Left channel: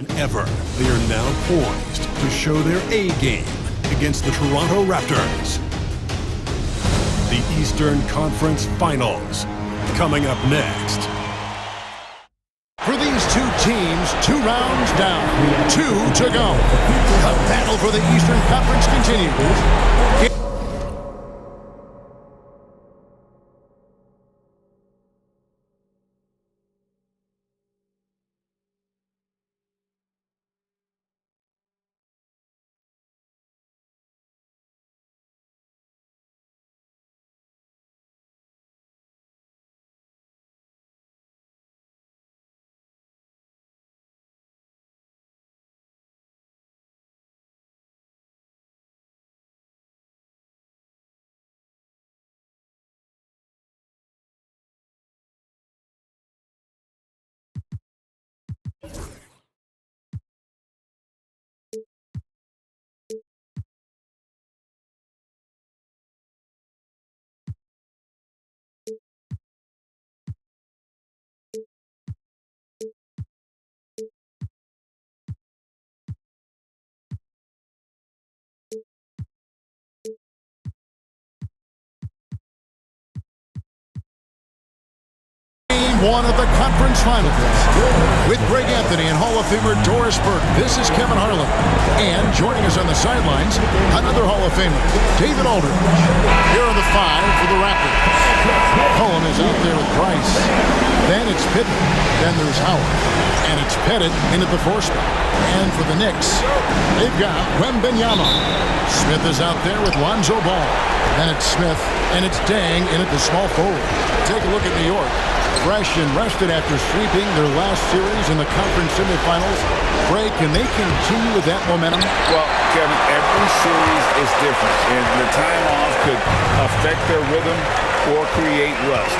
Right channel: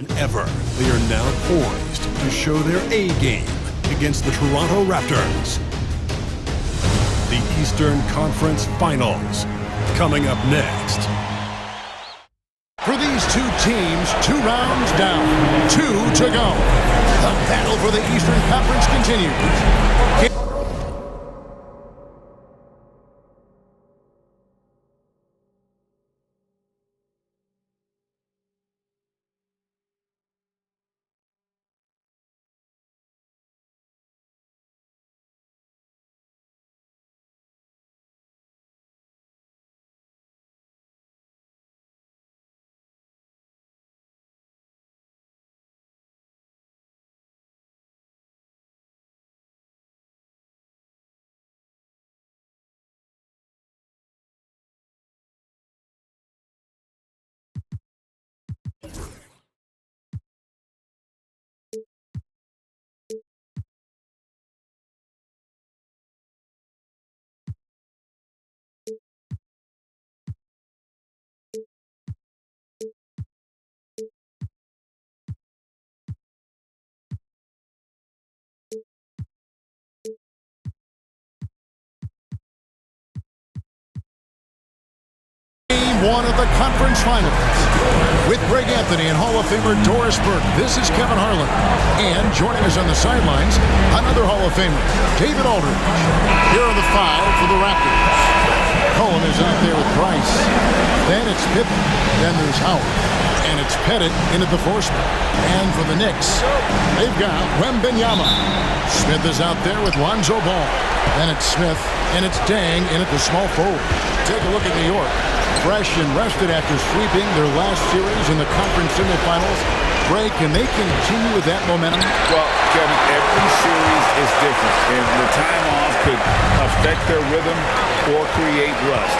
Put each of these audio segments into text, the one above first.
than ever. They are now poised to show their A game against the Toronto Raptors. The Eastern Conference Finals coming up next. For these two teams, 2 rounds down, 2 to go. The battle for the Eastern Conference continues. Game 1 of the conference finals. With Greg Anthony and Hall of Famer Doris Burke, this is Kevin Harlan. And joining us on the sidelines, another Hall of Famer, David Aldridge. Here are the 5 for the Raptors. Cohen is out there with Price. Then it's Pippen. Then there's Howard. And it's Pettit in at the 4 spot. And for the Knicks, they've got Wembanyama. Smith is out there with Lonzo Ball. Then it's Smith. And it's Dang in at the small forward. Take a look at New York. Fresh and rested after sweeping their last series in the conference semifinals. Greg, can they continue with that momentum? Well, Kevin, every series is different, and the time off could affect their rhythm or create rust.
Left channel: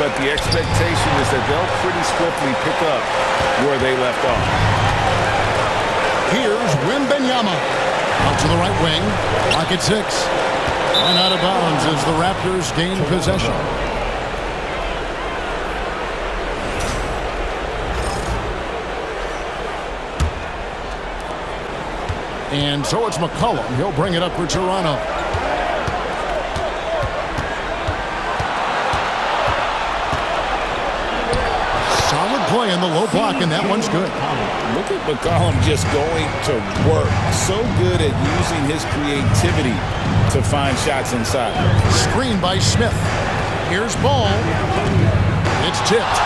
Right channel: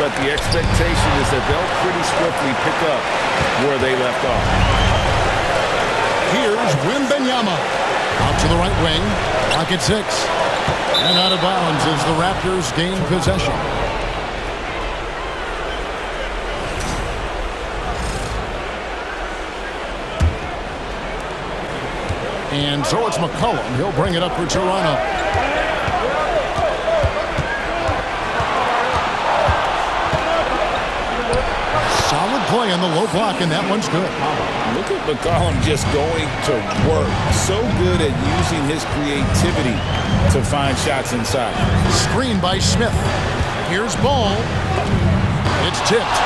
But the expectation is that they'll pretty swiftly pick up where they left off. Here's Wembanyama. Out to the right wing. Clock at 6. And out of bounds as the Raptors gain possession. And so it's McCollum. He'll bring it up for Toronto. Solid play in the low block, and that one's good. Look at McCollum just going to work. So good at using his creativity to find shots inside. Screen by Smith. Here's Ball. It's tipped.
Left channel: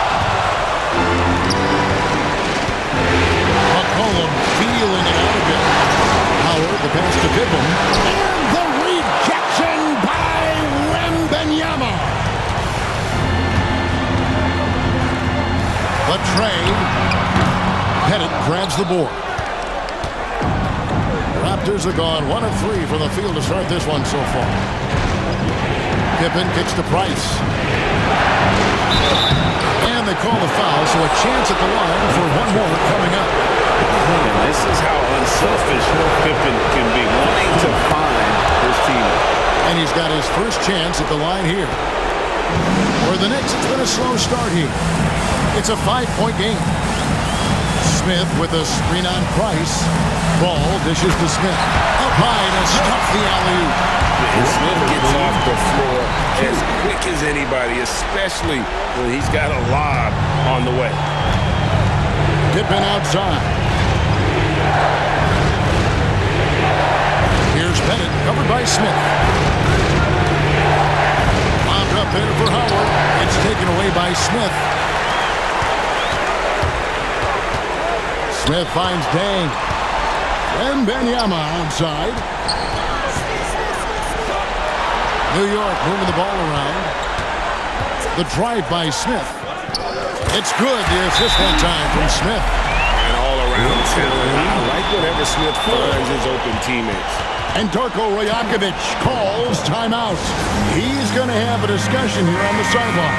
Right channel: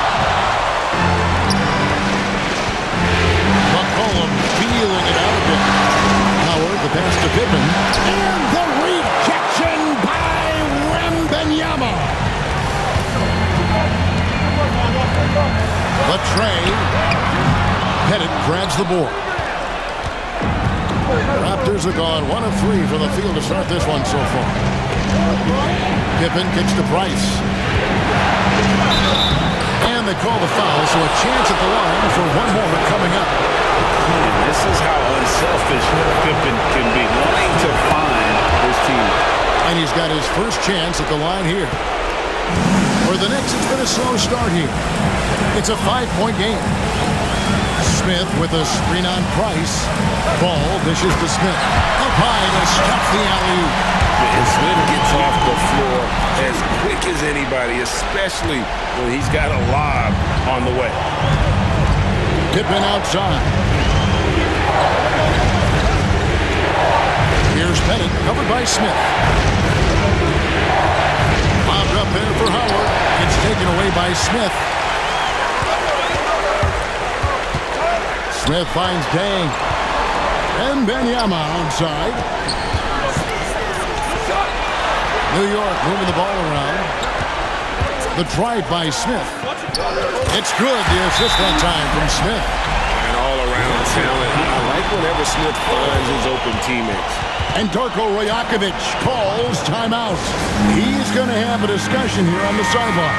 McCollum feeling it out a bit. Howard, the pass to Pippen. And the rejection by Wembanyama. The tray. Pettit grabs the board. Raptors are gone 1 of 3 from the field to start this one so far. Pippen kicks to Price. And they call the foul, so a chance at the line for one more coming up. And this is how unselfish Pippen can be, wanting to find his teammate. And he's got his first chance at the line here. For the Knicks, it's been a slow start here. It's a 5-point game. Smith with a screen on Price. Ball dishes to Smith. Up high to stuff the alley-oop. And Smith gets off the floor as quick as anybody, especially when he's got a lob on the way. Pippen outside. Here's Pettit, covered by Smith. Lobbed up there for Howard. It's taken away by Smith. Smith finds Dang. Wembanyama outside. New York moving the ball around. The drive by Smith. It's good. The assist that time from Smith. And all-around talent. I like whenever Smith finds his open teammates. And Darko Rajakovic calls timeout. He's going to have a discussion here on the sideline.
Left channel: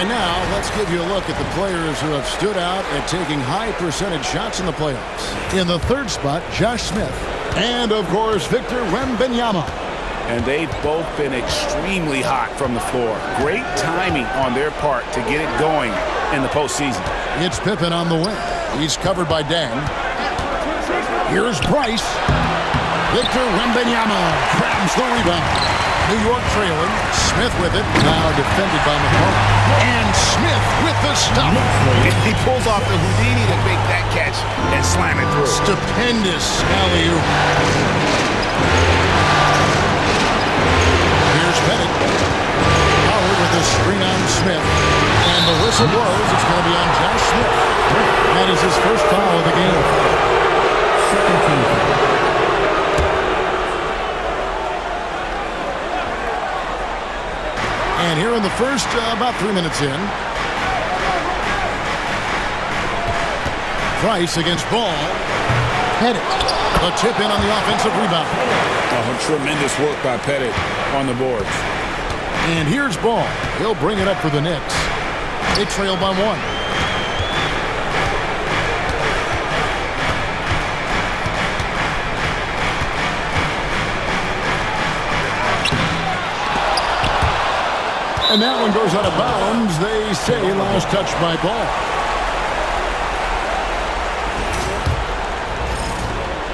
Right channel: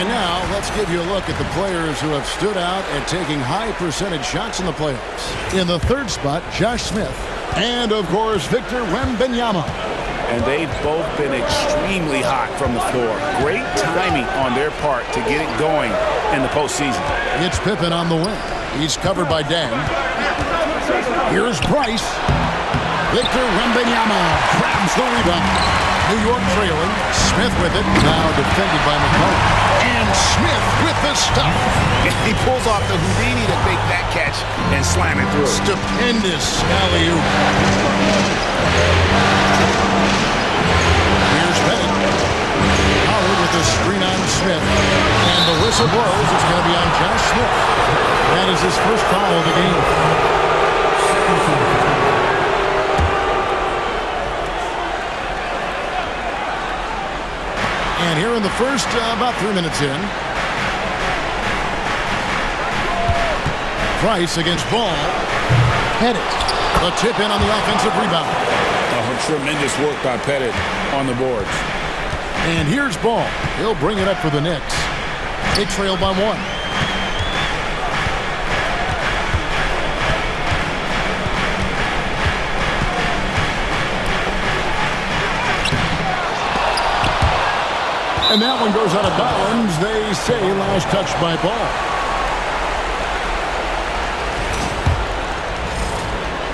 And now let's give you a look at the players who have stood out at taking high percentage shots in the playoffs. In the 3rd spot, Josh Smith. And, of course, Victor Wembanyama. And they've both been extremely hot from the floor. Great timing on their part to get it going in the postseason. It's Pippen on the wing. He's covered by Dang. Here's Price. Victor Wembanyama grabs the rebound. New York trailing. Smith with it. Now defended by McCollum. And Smith with the stop. He pulls off the Houdini to make that catch and slam it through. Stupendous alley-oop. Here's Pettit. Howard with the screen on Smith. And the whistle blows. It's going to be on Josh Smith. That is his first foul of the game. And here in the first, about 3 minutes in. Price against Ball. Pettit. The tip in on the offensive rebound. Oh, tremendous work by Pettit on the boards. And here's Ball. He'll bring it up for the Knicks. They trail by 1. And that one goes out of bounds. They say last touch by Ball.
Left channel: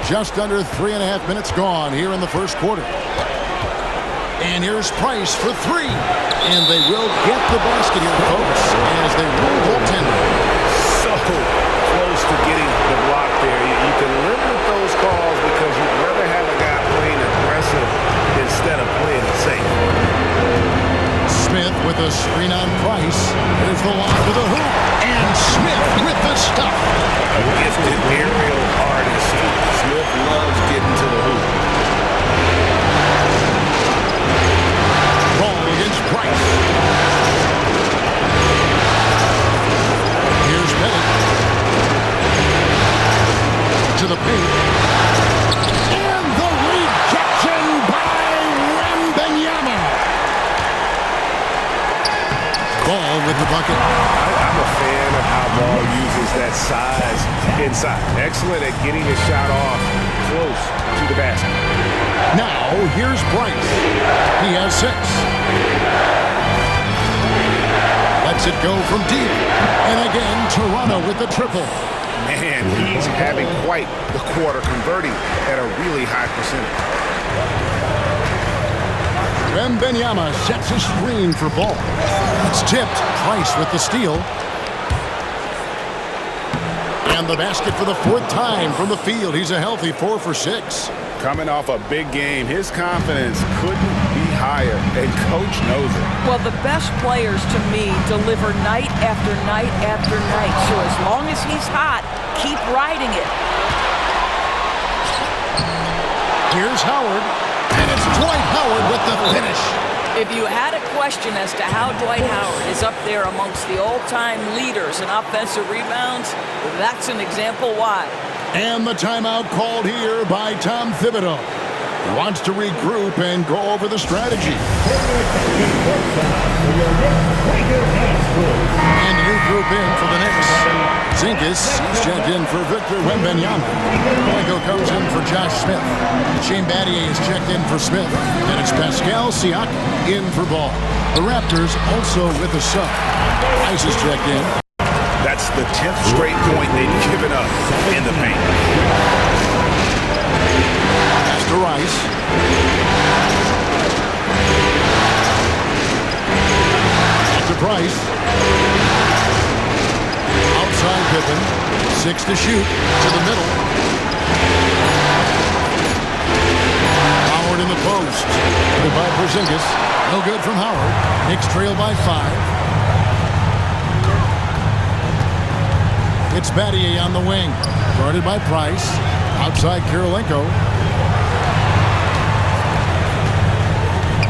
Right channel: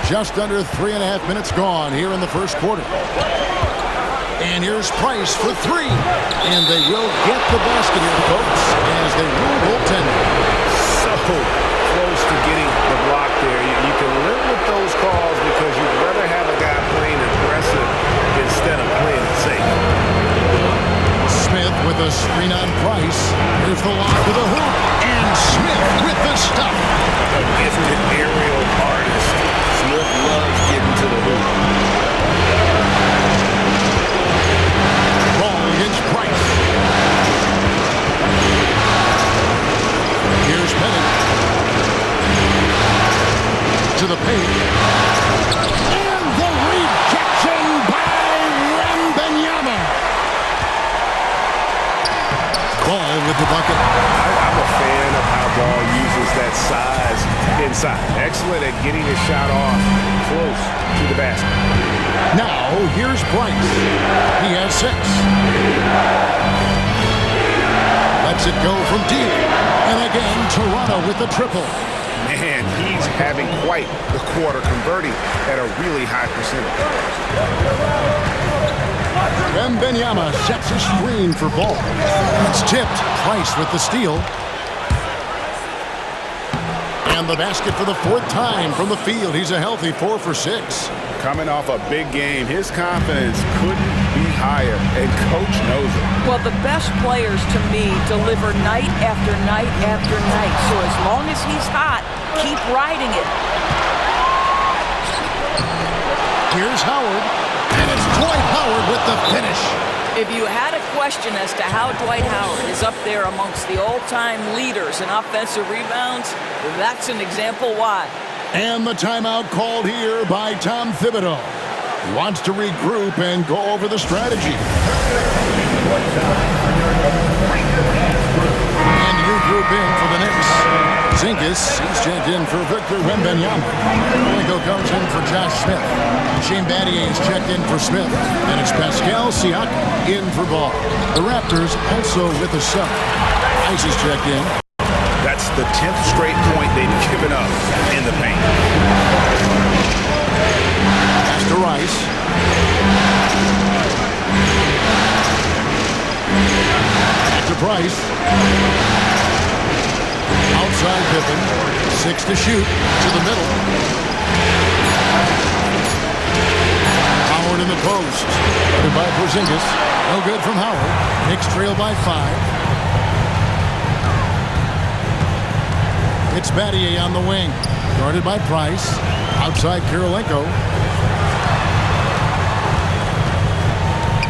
Just under 3.5 minutes gone here in the first quarter. And here's Price for 3. And they will get the basket here, folks, as they rule goaltending. So close to getting the block there. You can live with those calls because you'd rather have a guy playing aggressive instead of playing it safe. Smith with a screen on Price. Here's the lob to the hoop. And Smith with the stop. A gifted aerial artist. Smith loves getting to the hoop. Ball against Price. Here's Pettit. To the paint. And the rejection by Wembanyama. Ball with the bucket. I'm a fan of how Ball uses that size inside. Excellent at getting his shot off close to the basket. Now, here's Price. He has 6. Lets it go from deep. And again, Toronto with the triple. Man, he's having quite the quarter, converting at a really high percentage. Wembanyama sets a screen for Ball. It's tipped. Price with the steal. And the basket for the 4th time from the field. He's a healthy 4 for 6. Coming off a big game, his confidence couldn't be higher, and Coach knows it. Well, the best players, to me, deliver night after night after night. So as long as he's hot, keep riding it. Here's Howard. And it's Dwight Howard with the finish. If you had a question as to how Dwight Howard is up there amongst the all-time leaders in offensive rebounds, that's an example why. And the timeout called here by Tom Thibodeau. He wants to regroup and go over the strategy. And new group in for the Knicks. Zingas, he's checked in for Victor Wembanyama. Linko comes in for Josh Smith. Shane Battier is checked in for Smith. And it's Pascal Siakam in for Ball. The Raptors also with a sub. Ice is checked in. That's the 10th straight point they've given up in the paint. Pass to Rice. Back to Price. Outside Pippen. 6 to shoot. To the middle. Howard in the post. Goodbye Porzingis. No good from Howard. Knicks trail by 5. It's Battier on the wing. Guarded by Price. Outside Kirilenko.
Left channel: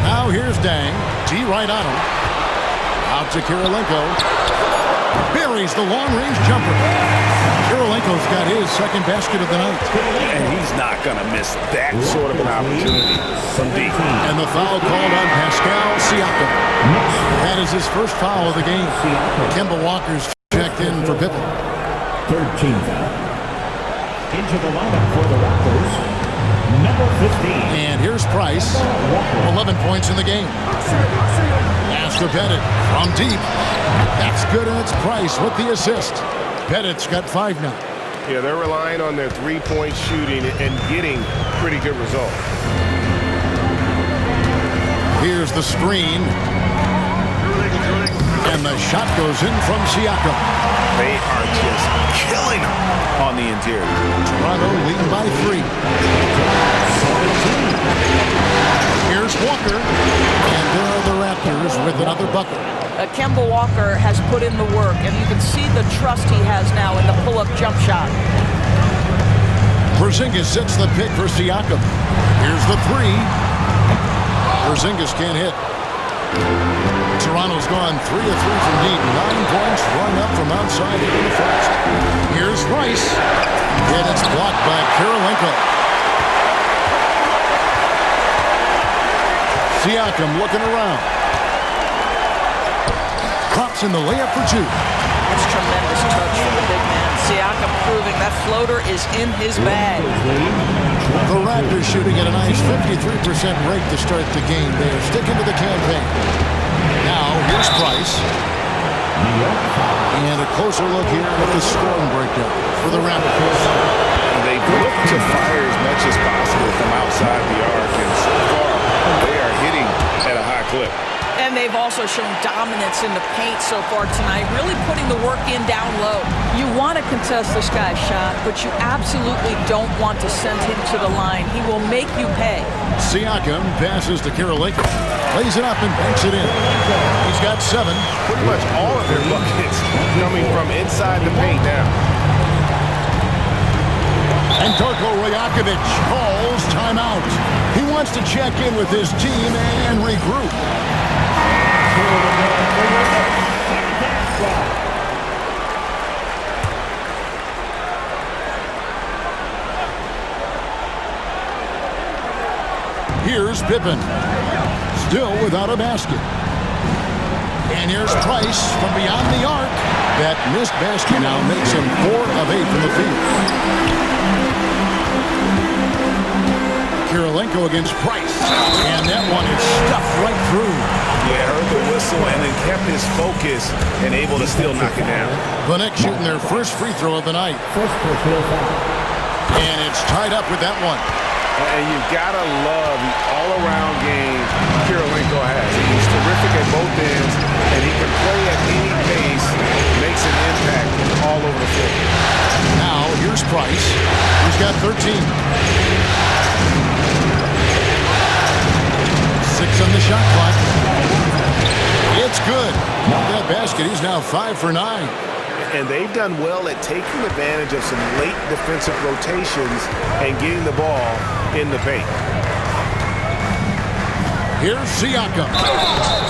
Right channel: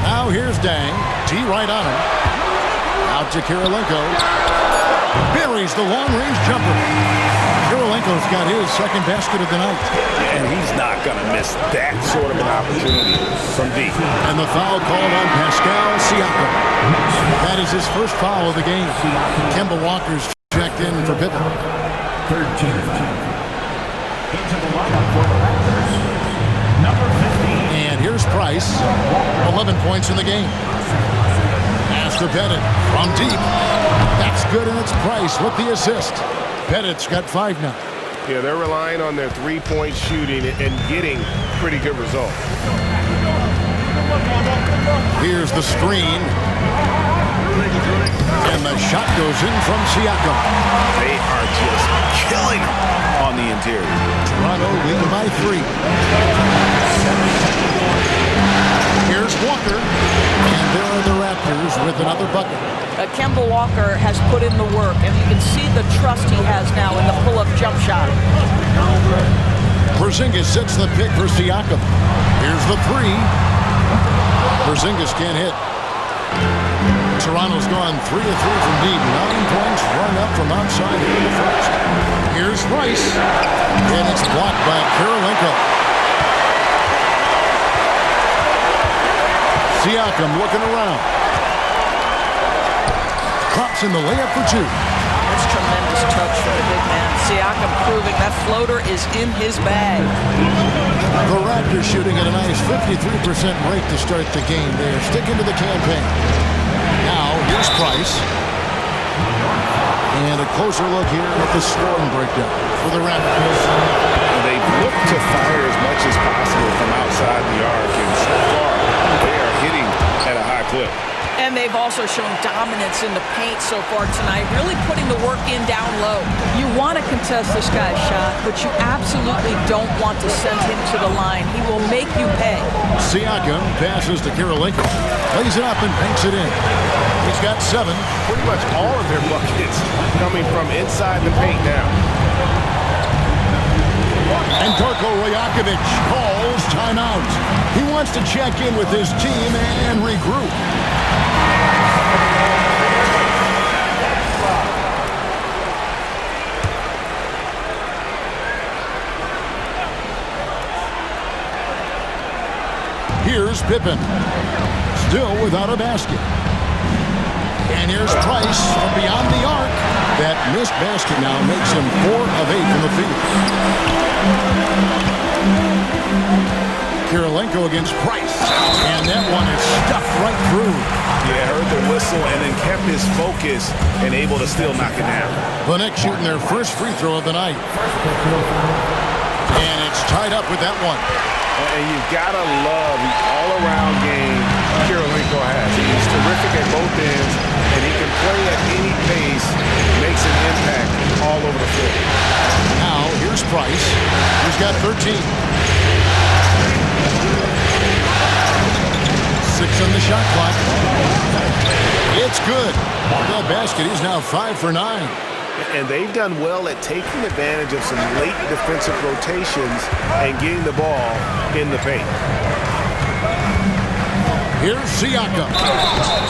Now here's Dang. T right on him. Out to Kirilenko. Buries the long-range jumper. Kirilenko's got his second basket of the night. And he's not going to miss that sort of an opportunity from deep. And the foul called on Pascal Siakam. That is his first foul of the game. Kemba Walker's checked in for Pippen. 13 foul. Into the lineup for the Raptors, number 15. And here's Price. 11 points in the game. Pass to Pettit from deep. That's good, and it's Price with the assist. Pettit's got 5 now. Yeah, they're relying on their three-point shooting and getting pretty good results. Here's the screen. And the shot goes in from Siakam. They are just killing them on the interior. Toronto leading by 3. Here's Walker. And there are the Raptors with another bucket. Kemba Walker has put in the work, and you can see the trust he has now in the pull-up jump shot. Porzingis sets the pick for Siakam. Here's the 3. Porzingis can't hit. Toronto's gone 3 of 3 from deep. 9 points run up from outside here in the first. Here's Rice. And it's blocked by Kirilenko. Siakam looking around. Drops in the layup for 2. That's tremendous touch from the big man. Siakam proving that floater is in his bag. The Raptors shooting at a nice 53% rate to start the game. They are sticking to the campaign. Now, here's Price. And a closer look here at the scoring breakdown for the Raptors. They've looked to fire as much as possible from outside the arc, and so far they are hitting at a high clip. And they've also shown dominance in the paint so far tonight, really putting the work in down low. You want to contest this guy's shot, but you absolutely don't want to send him to the line. He will make you pay. Siakam passes to Kirilenko. Lays it up and banks it in. He's got 7. Pretty much all of their buckets coming from inside the paint now. And Darko Rajakovic calls timeout. He wants to check in with his team and regroup. Here's Pippen. Still without a basket. And here's Price from beyond the arc. That missed basket now makes him 4 of 8 from the field. Kirilenko against Price. And that one is stuffed right through. Yeah, heard the whistle and then kept his focus and able to still knock it down. The Knicks shooting their first free throw of the night. And it's tied up with that one. And you've got to love the all-around game Kirilenko has. He's terrific at both ends, and he can play at any pace, makes an impact all over the floor. Now, here's Price. He's got 13. 6 on the shot clock. It's good. That basket, he's now 5 for 9. And they've done well at taking advantage of some late defensive rotations and getting the ball in the paint. Here's Siakam.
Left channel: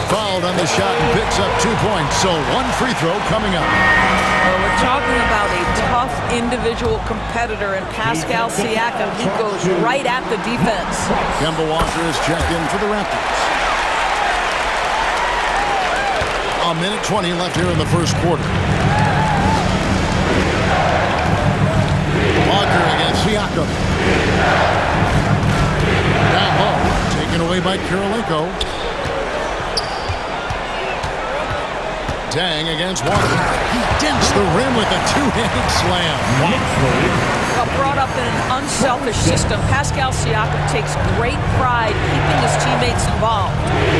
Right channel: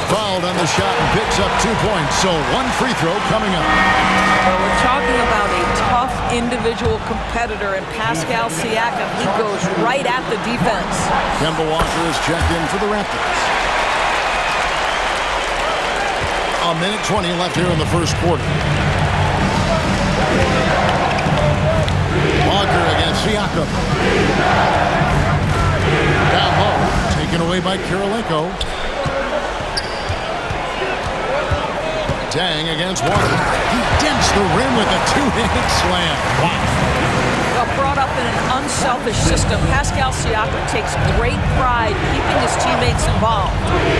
Fouled on the shot and picks up 2 points. So 1 free throw coming up. Well, we're talking about a tough individual competitor in Pascal Siakam. He goes right at the defense. Kemba Walker is checked in for the Raptors. A minute 20 left here in the first quarter. Walker against Siakam. Down low, taken away by Kirilenko. Dang against Walker. He dents the rim with a 2-handed slam. Well, brought up in an unselfish system, Pascal Siakam takes great pride keeping his teammates involved.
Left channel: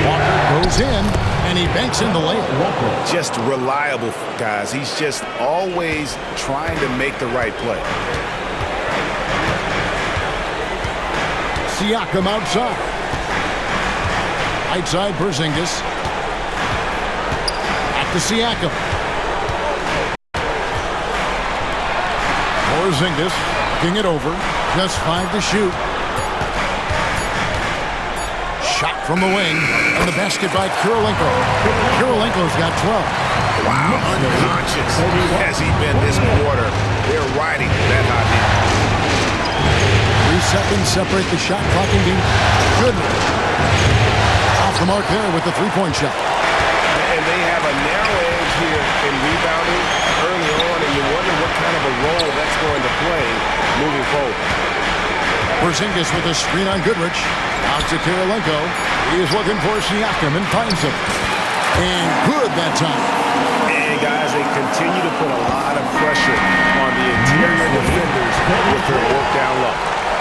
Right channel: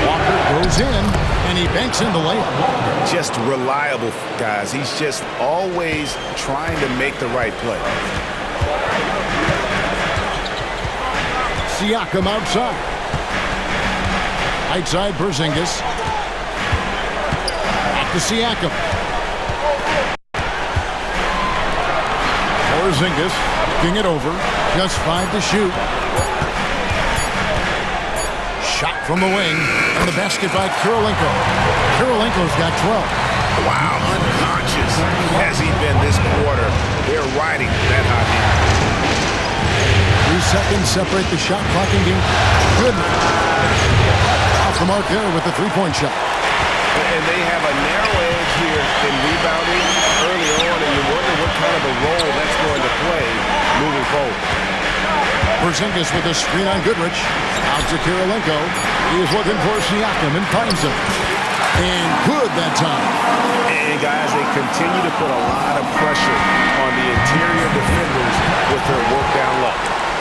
Walker goes in, and he banks in the layup. Just reliable, guys. He's just always trying to make the right play. Siakam outside. Right side, Porzingis. Back to Siakam. Porzingis looking it over. Just 5 to shoot. Shot from the wing. And the basket by Kirilenko. Kirilenko's got 12. Wow, unconscious has he been this quarter. They're riding that hot hand. 3 seconds separate the shot clock and game. Goodman. Off the mark there with the 3-point shot. And they have a narrow edge here in rebounding early on, and you wonder what kind of a role that's going to play moving forward. Porzingis with a screen on Goodrich. Out to Kirilenko. He is looking for Siakam and finds him. And good that time. And guys, they continue to put a lot of pressure on the interior defenders with their work down low.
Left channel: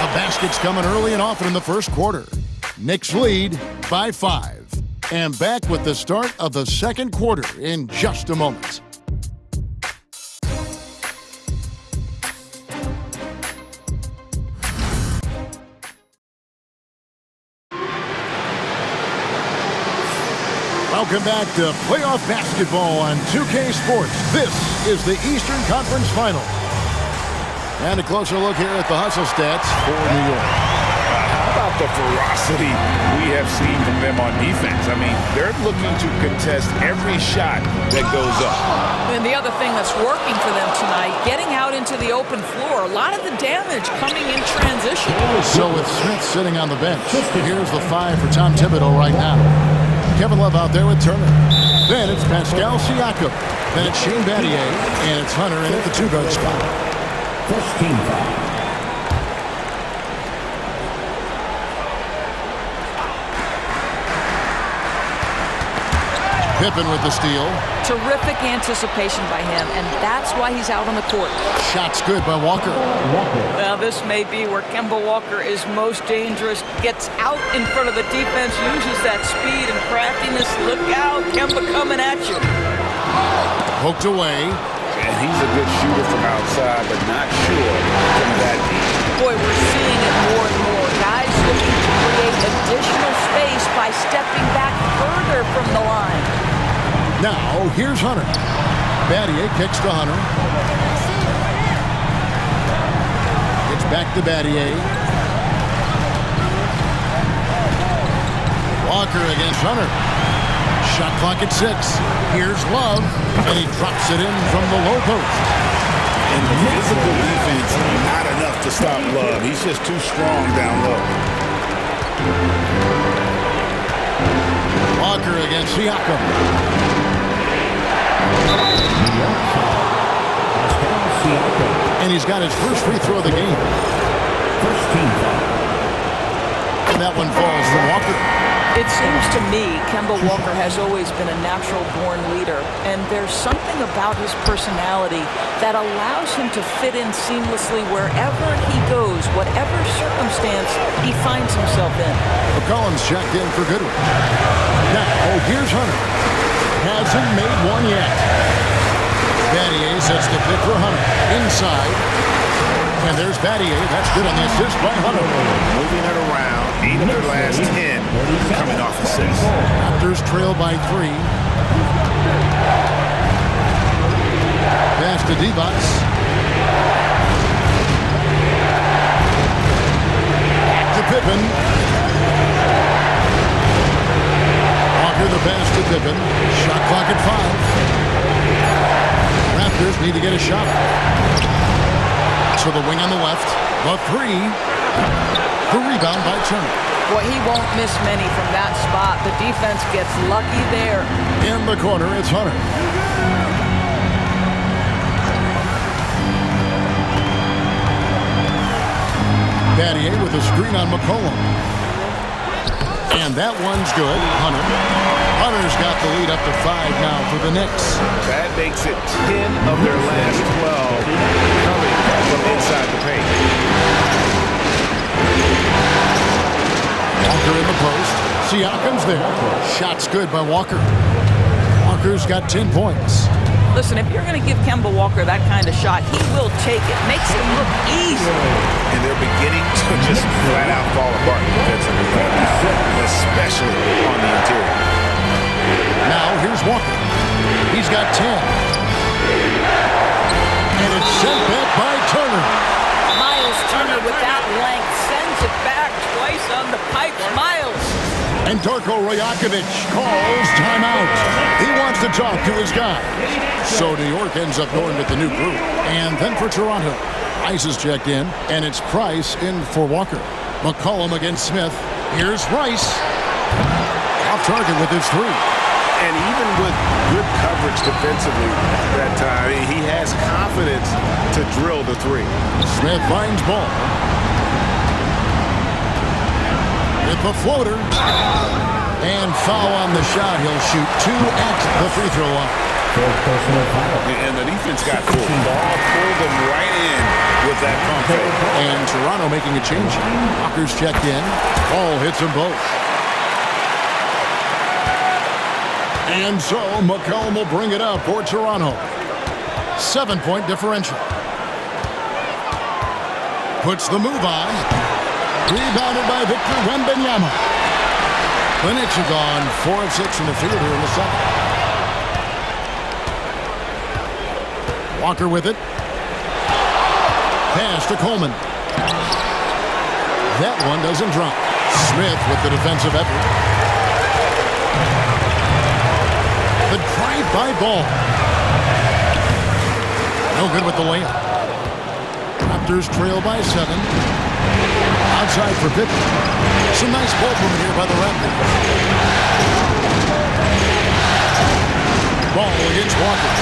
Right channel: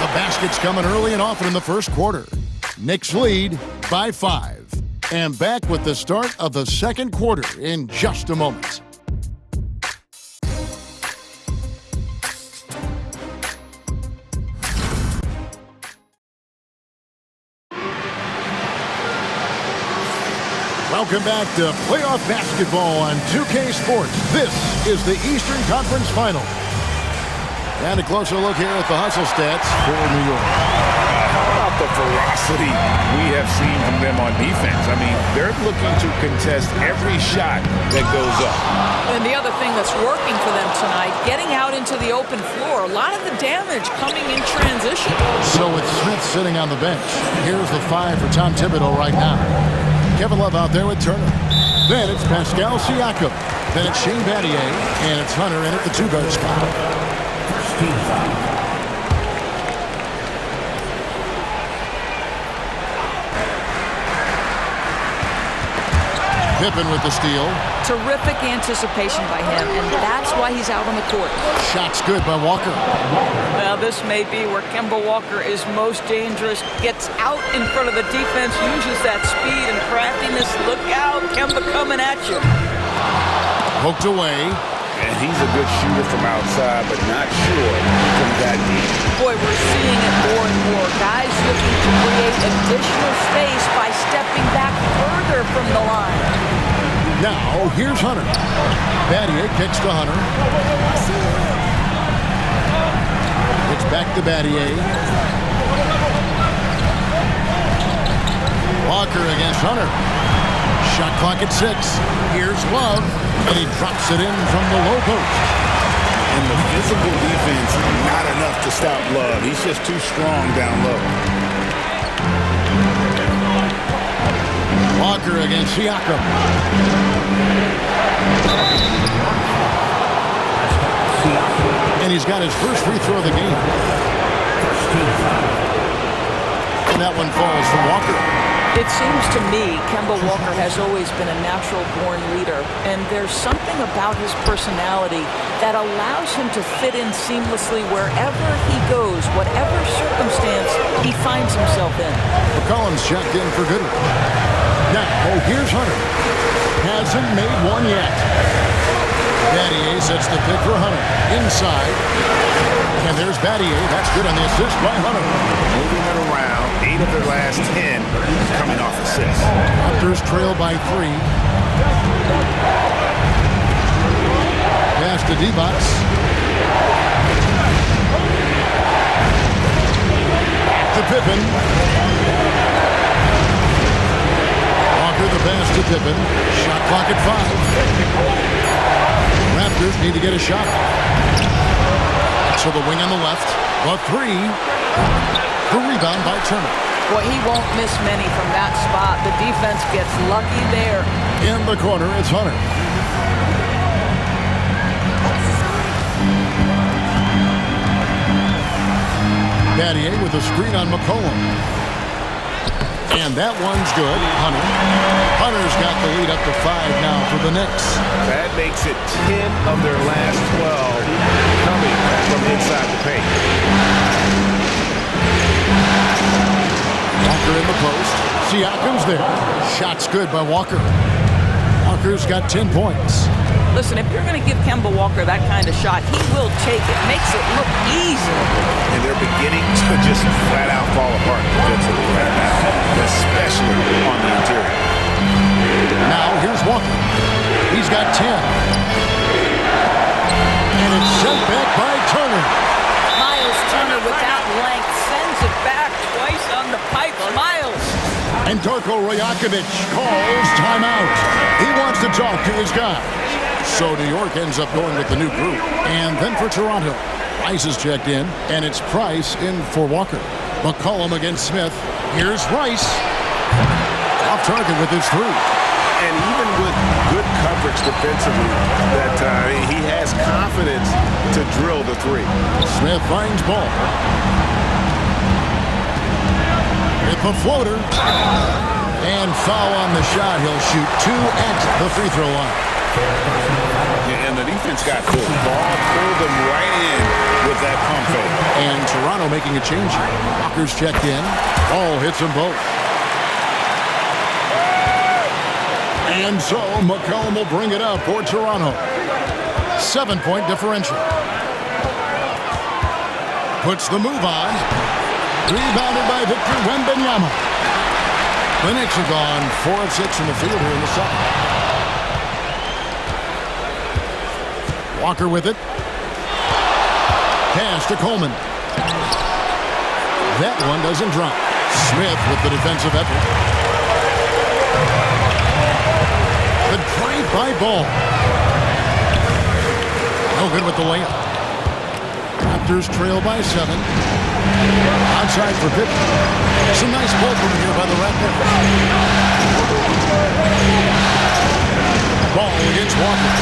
The basket's coming early and often in the first quarter. Knicks lead by 5. And back with the start of the second quarter in just a moment. Welcome back to playoff basketball on 2K Sports. This is the Eastern Conference Final. And a closer look here at the hustle stats for New York. How about the ferocity we have seen from them on defense? I mean, they're looking to contest every shot that goes up. And the other thing that's working for them tonight, getting out into the open floor. A lot of the damage coming in transition. So with Smith sitting on the bench, here's the 5 for Tom Thibodeau right now. Kevin Love out there with Turner. Then it's Pascal Siakam. Then it's Shane Battier. And it's Hunter in at the 2-guard spot. First team foul. Pippen with the steal. Terrific anticipation by him, and that's why he's out on the court. Shot's good by Walker. Well, this may be where Kemba Walker is most dangerous. Gets out in front of the defense, uses that speed and craftiness. Look out, Kemba coming at you. Poked away. And he's a good shooter from outside, but not sure from that deep. Boy, we're seeing it more and more. Guys looking to create additional space by stepping back further from the line. Now, here's Hunter. Battier kicks to Hunter. It's back to Battier. Walker against Hunter. Shot clock at 6. Here's Love, and he drops it in from the low post. And the physical defense, not enough to stop Love. He's just too strong down low. Walker against Siakam. And he's got his first free throw of the game. First team foul. And that one falls for Walker. It seems to me Kemba Walker has always been a natural-born leader, and there's something about his personality that allows him to fit in seamlessly wherever he goes, whatever circumstance he finds himself in. McCollum's checked in for Goodrich. Now, here's Hunter. Hasn't made one yet. Battier sets the pick for Hunter. Inside. And there's Battier. That's good on the assist by Hunter. Moving it around. 8 of their last 10 coming off assists. Raptors trail by 3. Pass to D-Box. Back to Pippen. Walker the pass to Pippen. Shot clock at 5. Raptors need to get a shot. So the wing on the left. The 3. The rebound by Turner. Boy, he won't miss many from that spot. The defense gets lucky there. In the corner, it's Hunter. Battier with a screen on McCollum. And that one's good. Hunter's got the lead up to 5 now for the Knicks. That makes it 10 of their last 12 coming from inside the paint. Walker in the post. Siakam's there. Shot's good by Walker. Walker's got 10 points. Listen, if you're going to give Kemba Walker that kind of shot, he will take it. Makes it look easy. And they're beginning to just flat out fall apart defensively right now, especially on the interior. Now here's Walker. He's got 10. And it's sent back by Turner. Miles Turner with that length sends it back twice on the pipes. Miles. And Darko Rajakovic calls timeout. He wants to talk to his guys. So New York ends up going with the new group. And then for Toronto, Rice is checked in, and it's Price in for Walker. McCollum against Smith. Here's Rice. Off target with his 3. And even with good coverage defensively that time, he has confidence to drill the 3. Smith finds ball. With the floater. And foul on the shot. He'll shoot 2 at the free throw line. personal foul. And the defense got full. Ball pulled them right in with that pump fake. And Toronto making a change. Walker's checked in. Ball hits them both. And so McCollum will bring it up for Toronto. 7-point differential. Puts the move on. Rebounded by Victor Wembanyama. The Knicks are gone 4 of 6 in the field here in the second. Walker with it. Pass to Coleman. That one doesn't drop. Smith with the defensive effort. The drive-by ball. No good with the layup. Raptors trail by 7. Outside for Pippen. Some nice ball movement here by the Raptors. Ball against Walker.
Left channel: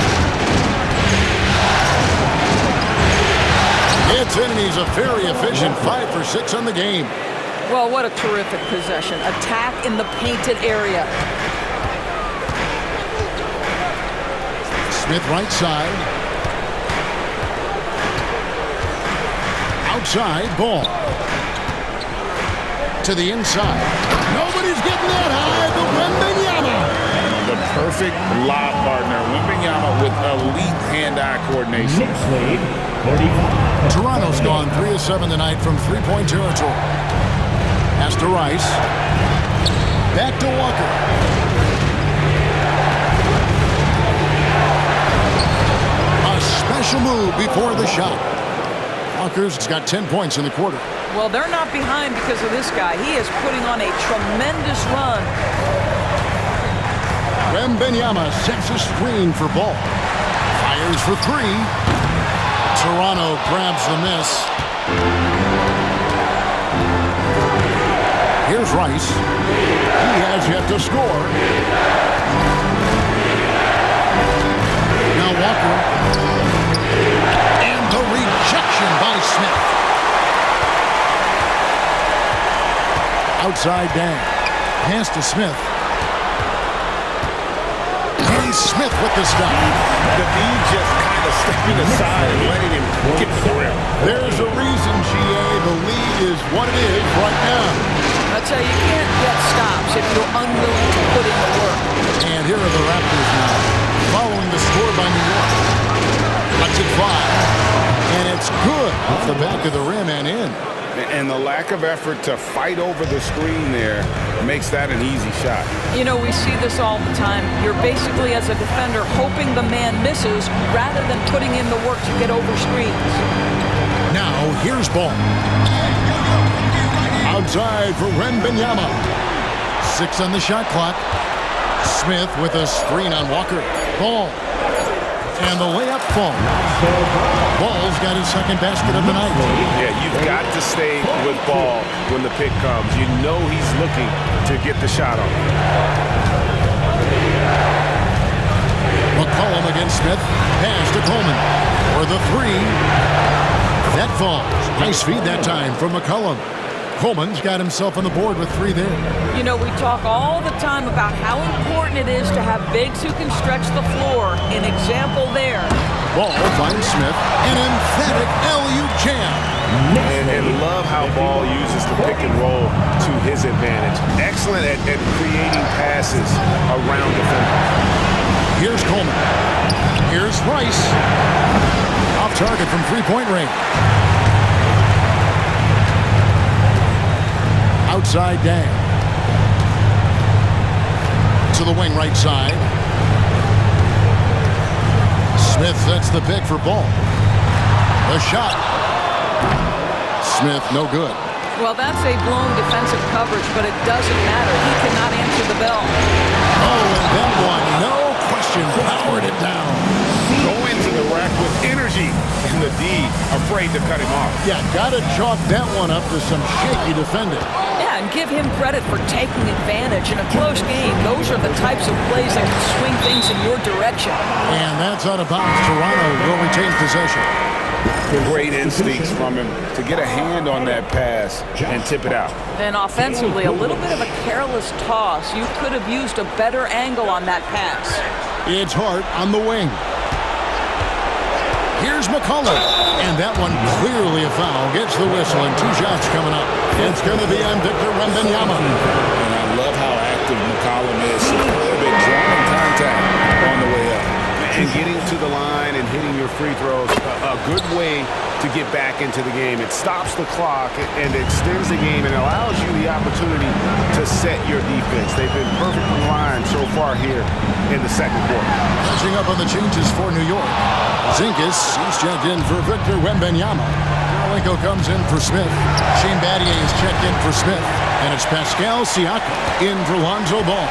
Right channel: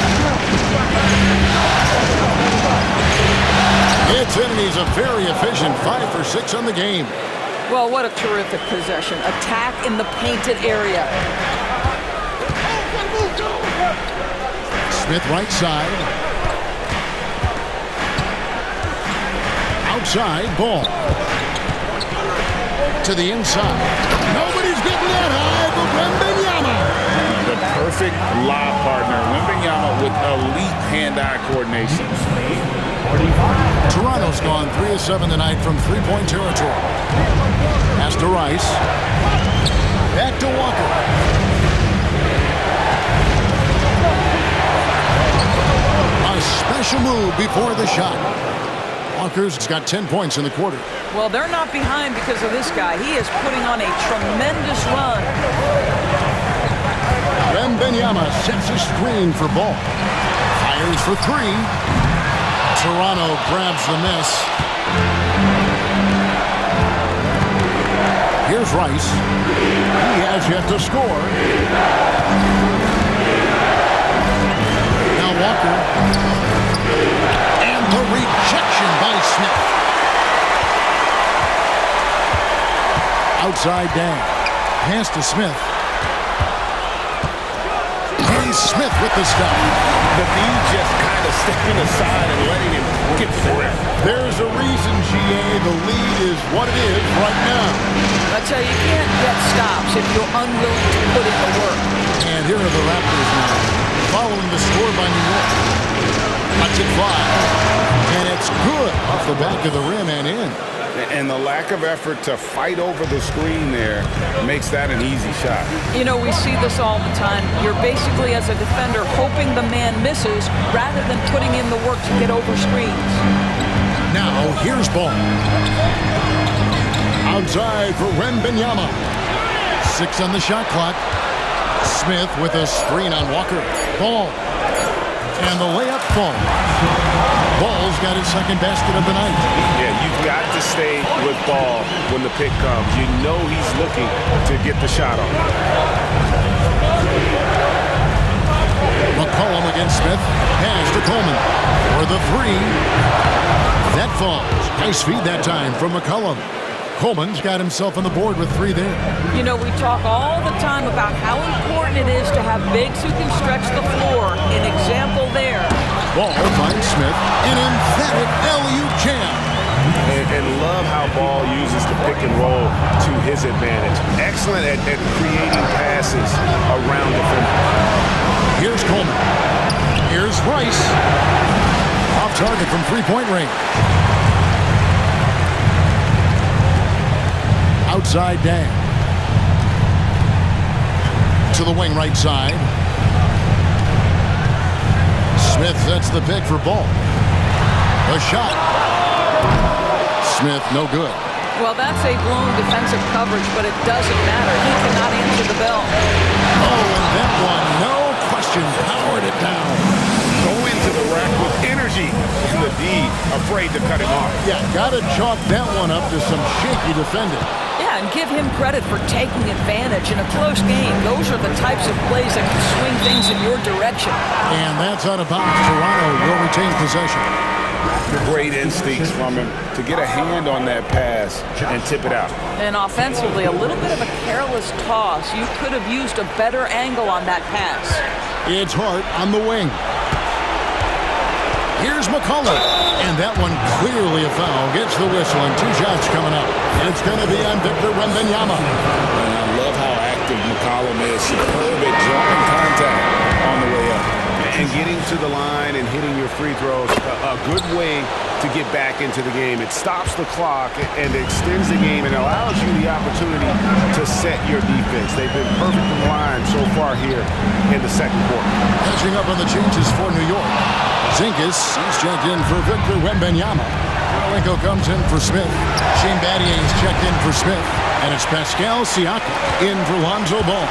It's in, and he's a very efficient 5 for 6 on the game. Well, what a terrific possession. Attack in the painted area. Smith right side. Outside, ball. To the inside. Nobody's getting that high, but Wembanyama. The perfect lob partner. Wembanyama with elite hand-eye coordination. Knicks lead 45. Toronto's gone 3 of 7 tonight from three-point territory. Pass to Rice. Back to Walker. A special move before the shot. Walker's got 10 points in the quarter. Well, they're not behind because of this guy. He is putting on a tremendous run. Wembanyama sets a screen for Ball. Fires for 3. Toronto grabs the miss. Here's Rice. He has yet to score. Now Walker. And the rejection by Smith. Outside Dan. Pass to Smith. And Smith with the stop. The D just kind of stepping aside and letting him get to the rim. There's a reason, GA, the lead is what it is right now. I tell you, you can't get stops if you're unwilling to put in the work. And here are the Raptors now, following the score by New York. Lets it fly. And it's good off the back of the rim and in. And the lack of effort to fight over the screen there makes that an easy shot. You know, we see this all the time. You're basically, as a defender, hoping the man misses rather than putting in the work to get over screens. Now, here's Ball. Outside for Wembanyama. 6 on the shot clock. Smith with a screen on Walker. Ball. And the layup falls. Ball's got his second basket of the night. Yeah, you've got to stay with Ball when the pick comes. You know he's looking to get the shot on. McCollum against Smith. Pass to Coleman for the 3. That falls. Nice feed that time from McCollum. Coleman's got himself on the board with 3 there. You know, we talk all the time about how important it is to have bigs who can stretch the floor. An example there. Ball finds Smith. An emphatic LU jam. And love how Ball uses the pick and roll to his advantage. Excellent at creating passes around defenders. Here's Coleman. Here's Rice. Off target from three-point range. Outside Dan. To the wing right side. Smith sets the pick for Ball. The shot. Smith, no good. Well, that's a blown defensive coverage, but it doesn't matter. He cannot answer the bell. Oh, and that one, no question, powered it down. Go into the rack with energy, and the D afraid to cut him off. Yeah, gotta chalk that one up to some shaky defending. Yeah, and give him credit for taking advantage in a close game. Those are the types of plays that can swing things in your direction. And that's out of bounds. Toronto will retain possession. Great instincts from him to get a hand on that pass and tip it out. And offensively, a little bit of a careless toss. You could have used a better angle on that pass. It's Hart on the wing. Here's McCullough. And that one clearly a foul. Gets the whistle and 2 shots coming up. It's going to be on Victor Wembanyama. And I love how active McCollum is. Superb at drawing contact on the way up. And getting to the line and hitting your free throws, a good way to get back into the game. It stops the clock and extends the game and allows you the opportunity to set your defense. They've been perfect in the line so far here in the second quarter. Catching up on the changes for New York. Zinkas, he's checked in for Victor Wembanyama. Kirilenko comes in for Smith. Shane Battier is checked in for Smith. And it's Pascal Siakam in for Lonzo Ball.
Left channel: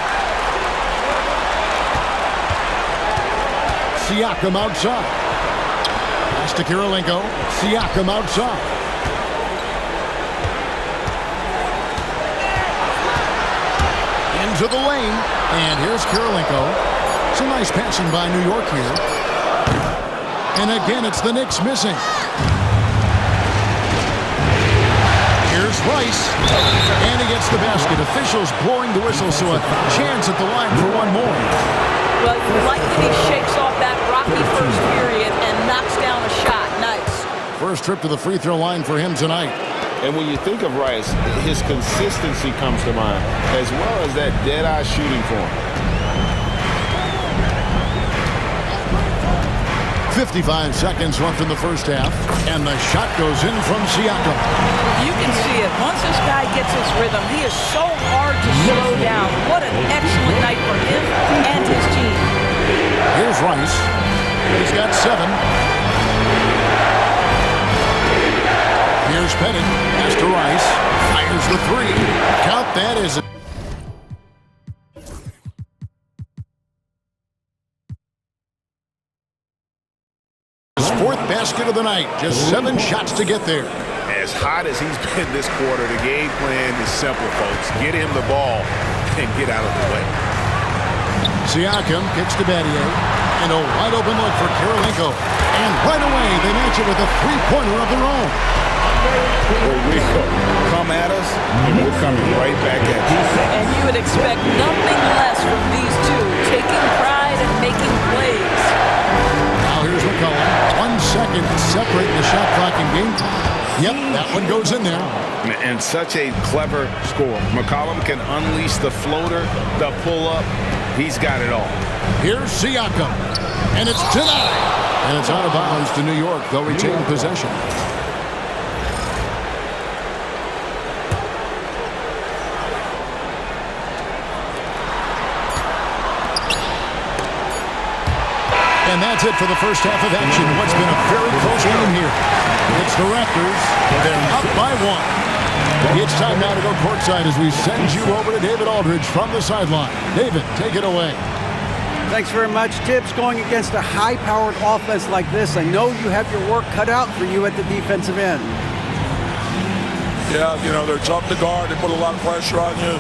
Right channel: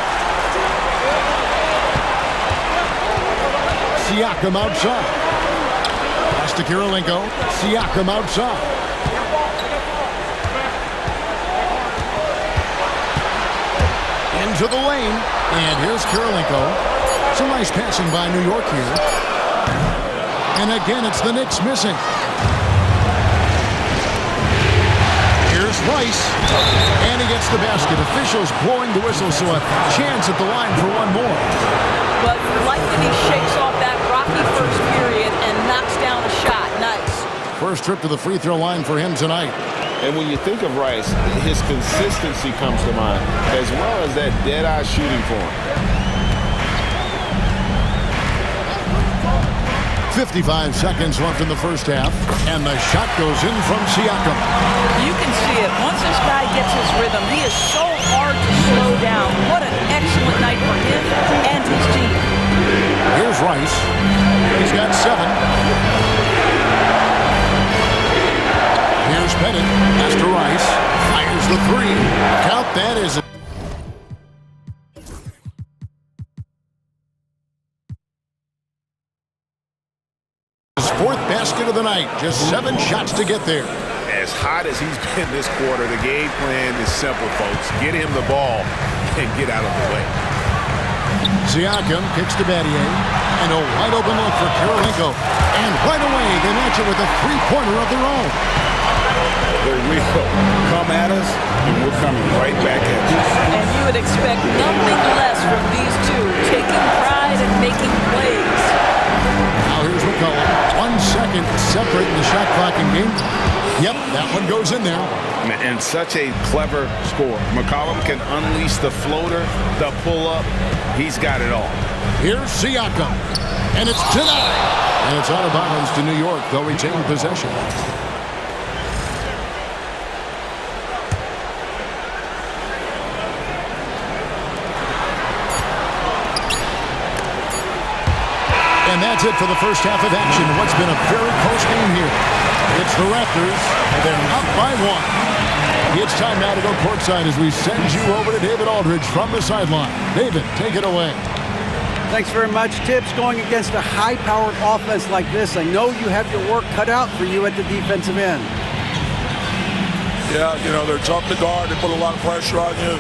Siakam outside. Pass to Kirilenko. Siakam outside. Into the lane. And here's Kirilenko. Some nice passing by New York here. And again, it's the Knicks missing. Here's Rice. And he gets the basket. Officials blowing the whistle, so a chance at the line for one more. Well, you like that he shakes off that rocky first period and knocks down a shot. Nice. First trip to the free throw line for him tonight. And when you think of Rice, his consistency comes to mind, as well as that dead-eye shooting form. 55 seconds left in the first half, and the shot goes in from Siakam. You can see it. Once this guy gets his rhythm, he is so hard to slow down. What an excellent night for him and his team. Here's Rice. He's got 7. Here's Pettit. Pass to Rice. Fires the 3. Count that as a his 4th basket of the night. Just 7 shots to get there. As hot as he's been this quarter, the game plan is simple, folks. Get him the ball and get out of the way. Siakam kicks to Battier. And a wide open look for Kirilenko. And right away, they match it with a 3-pointer of their own. They will come at us, and we're coming right back at you. And you would expect nothing less from these two, taking pride and making plays. Now here's McCollum. 1 second separating the shot clock and game time. Yep, that one goes in there. And such a clever score. McCollum can unleash the floater, the pull-up. He's got it all. Here's Siakam. And it's denied. And it's out of bounds to New York. They'll retain possession. And that's it for the first half of action. What's been a very close game here. It's the Raptors. They're up by 1. It's time now to go courtside as we send you over to David Aldridge from the sideline. David, take it away. Thanks very much. Tips, going against a high-powered offense like this, I know you have your work cut out for you at the defensive end. Yeah, they're tough to guard. They put a lot of pressure on you.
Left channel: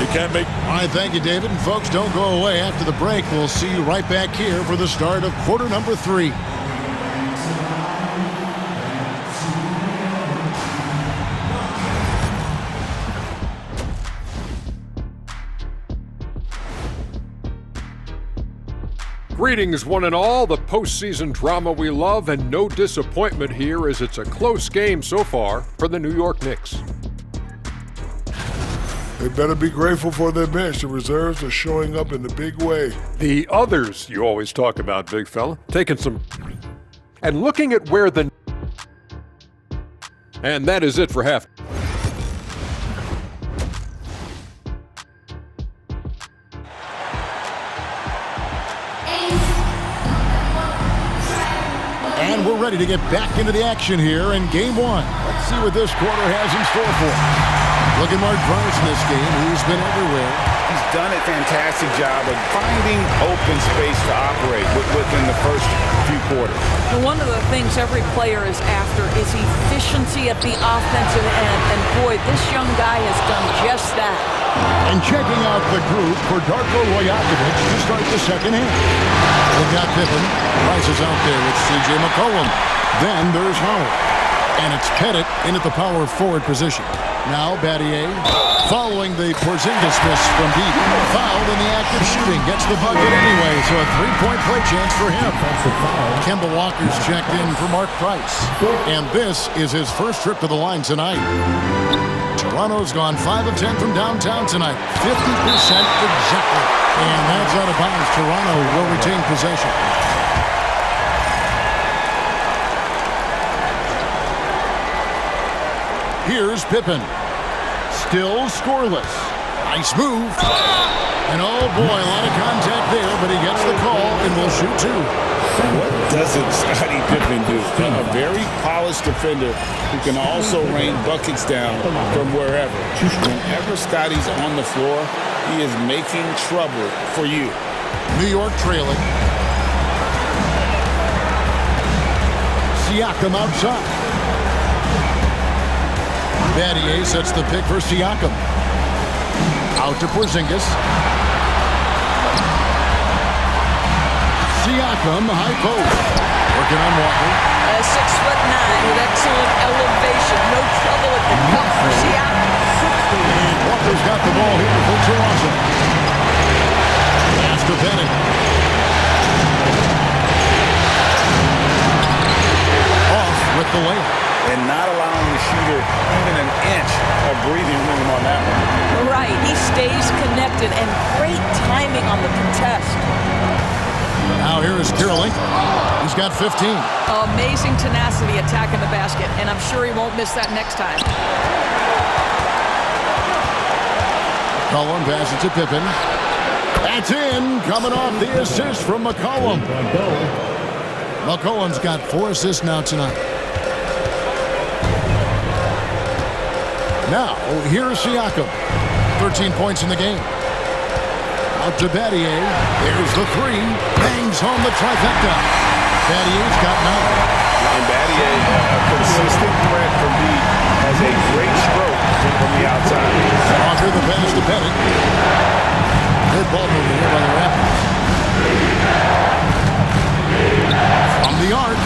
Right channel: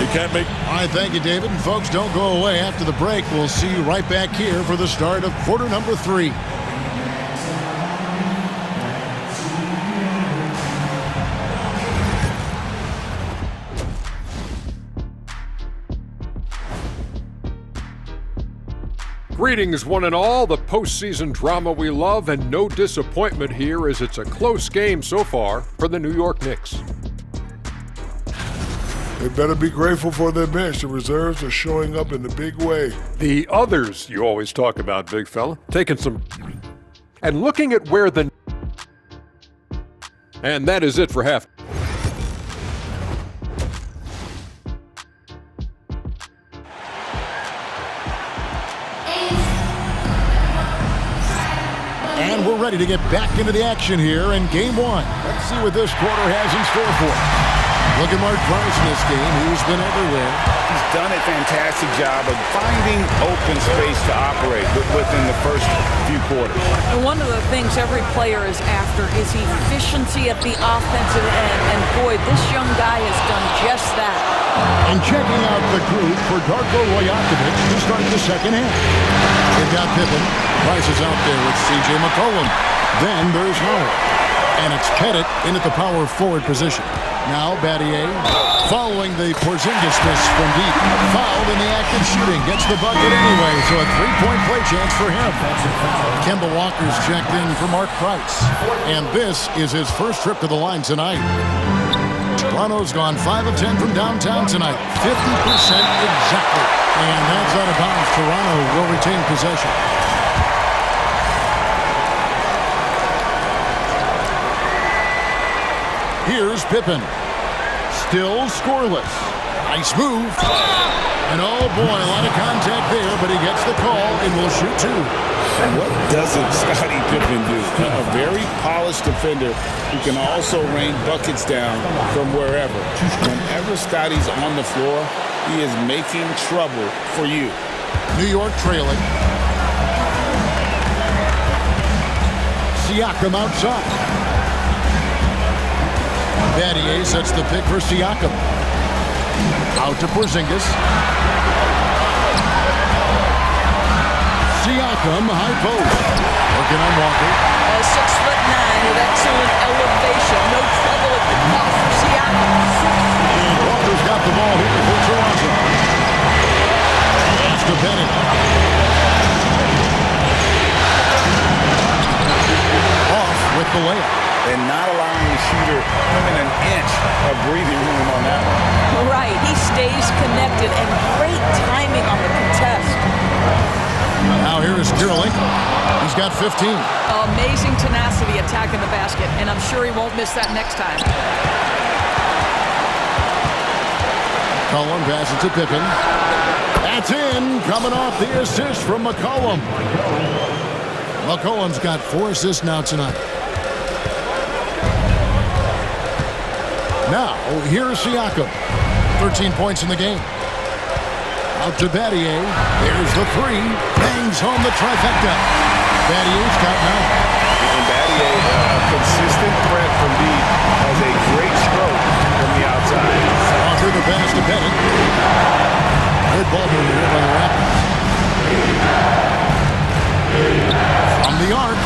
You can't make... All right, thank you, David. And folks, don't go away. After the break, we'll see you right back here for the start of quarter number 3. Greetings, one and all. The postseason drama we love, and no disappointment here as it's a close game so far for the New York Knicks. They better be grateful for their bench. The reserves are showing up in a big way. The others you always talk about, big fella, taking some... and looking at where the... And that is it for half. And we're ready to get back into the action here in Game 1. Let's see what this quarter has in store for us. Look at Mark Price in this game. He's been everywhere. He's done a fantastic job of finding open space to operate within the first few quarters. And one of the things every player is after is efficiency at the offensive end. And boy, this young guy has done just that. And checking out the group for Darko Rajakovic to start the second half. They've got Pippen. Price is out there with C.J. McCollum. Then there's Howard. And it's Pettit in at the power forward position. Now Battier, following the Porzingis miss from deep. Fouled in the act of shooting. Gets the bucket anyway, so a three-point play chance for him. Kemba Walker's checked in for Mark Price. And this is his first trip to the line tonight. Toronto's gone 5 of 10 from downtown tonight. 50% exactly. And that's out of bounds. Toronto will retain possession. Here's Pippen. Still scoreless. Nice move. And oh boy, a lot of contact there, but he gets the call and will shoot two. What doesn't Scottie Pippen do? A very polished defender who can also rain buckets down from wherever. Whenever Scottie's on the floor, he is making trouble for you. New York trailing. Siakam outside. Battier sets the pick for Siakam. Out to Porzingis. Siakam, high post. Working on Walker. 6'9" with excellent elevation. No trouble at the cup for Siakam. And Walker's got the ball here for Toronto. Pass to Pettit. Off with the layup. And not allowing the shooter even an inch of breathing room on that one. Right, he stays connected and great timing on the contest. Now here is Kirilenko. He's got 15. Amazing tenacity attacking the basket, and I'm sure he won't miss that next time. McCollum passes to Pippen. That's in, coming off the assist from McCollum. McCollum's got 4 assists now tonight. Now, here's Siakam. 13 points in the game. Out to Battier. There's the three. Bangs home the trifecta. Battier's got 9. And Battier, a consistent threat from deep, has a great stroke from the outside. Walker the pass to Pettit. Good ball movement here by the Raptors. From the arc.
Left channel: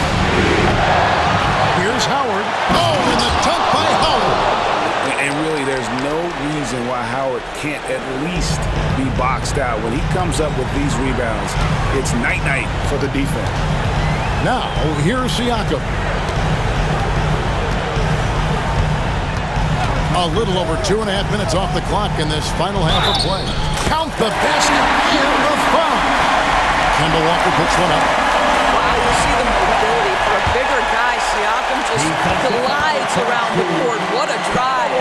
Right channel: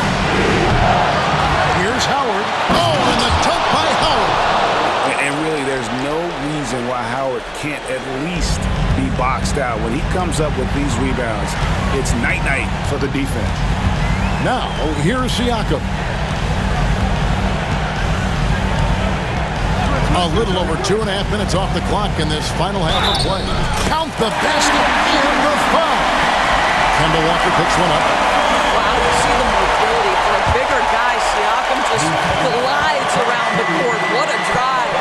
Here's Howard. Oh, and the dunk by Howard. And really, there's no reason why Howard can't at least be boxed out. When he comes up with these rebounds, it's night-night for the defense. Now, here's Siakam. A little over 2.5 minutes off the clock in this final half of play. Count the basket and the foul. Kemba Walker picks one up. Wow, you see the mobility for a bigger guy. Siakam just glides around the court. What a drive.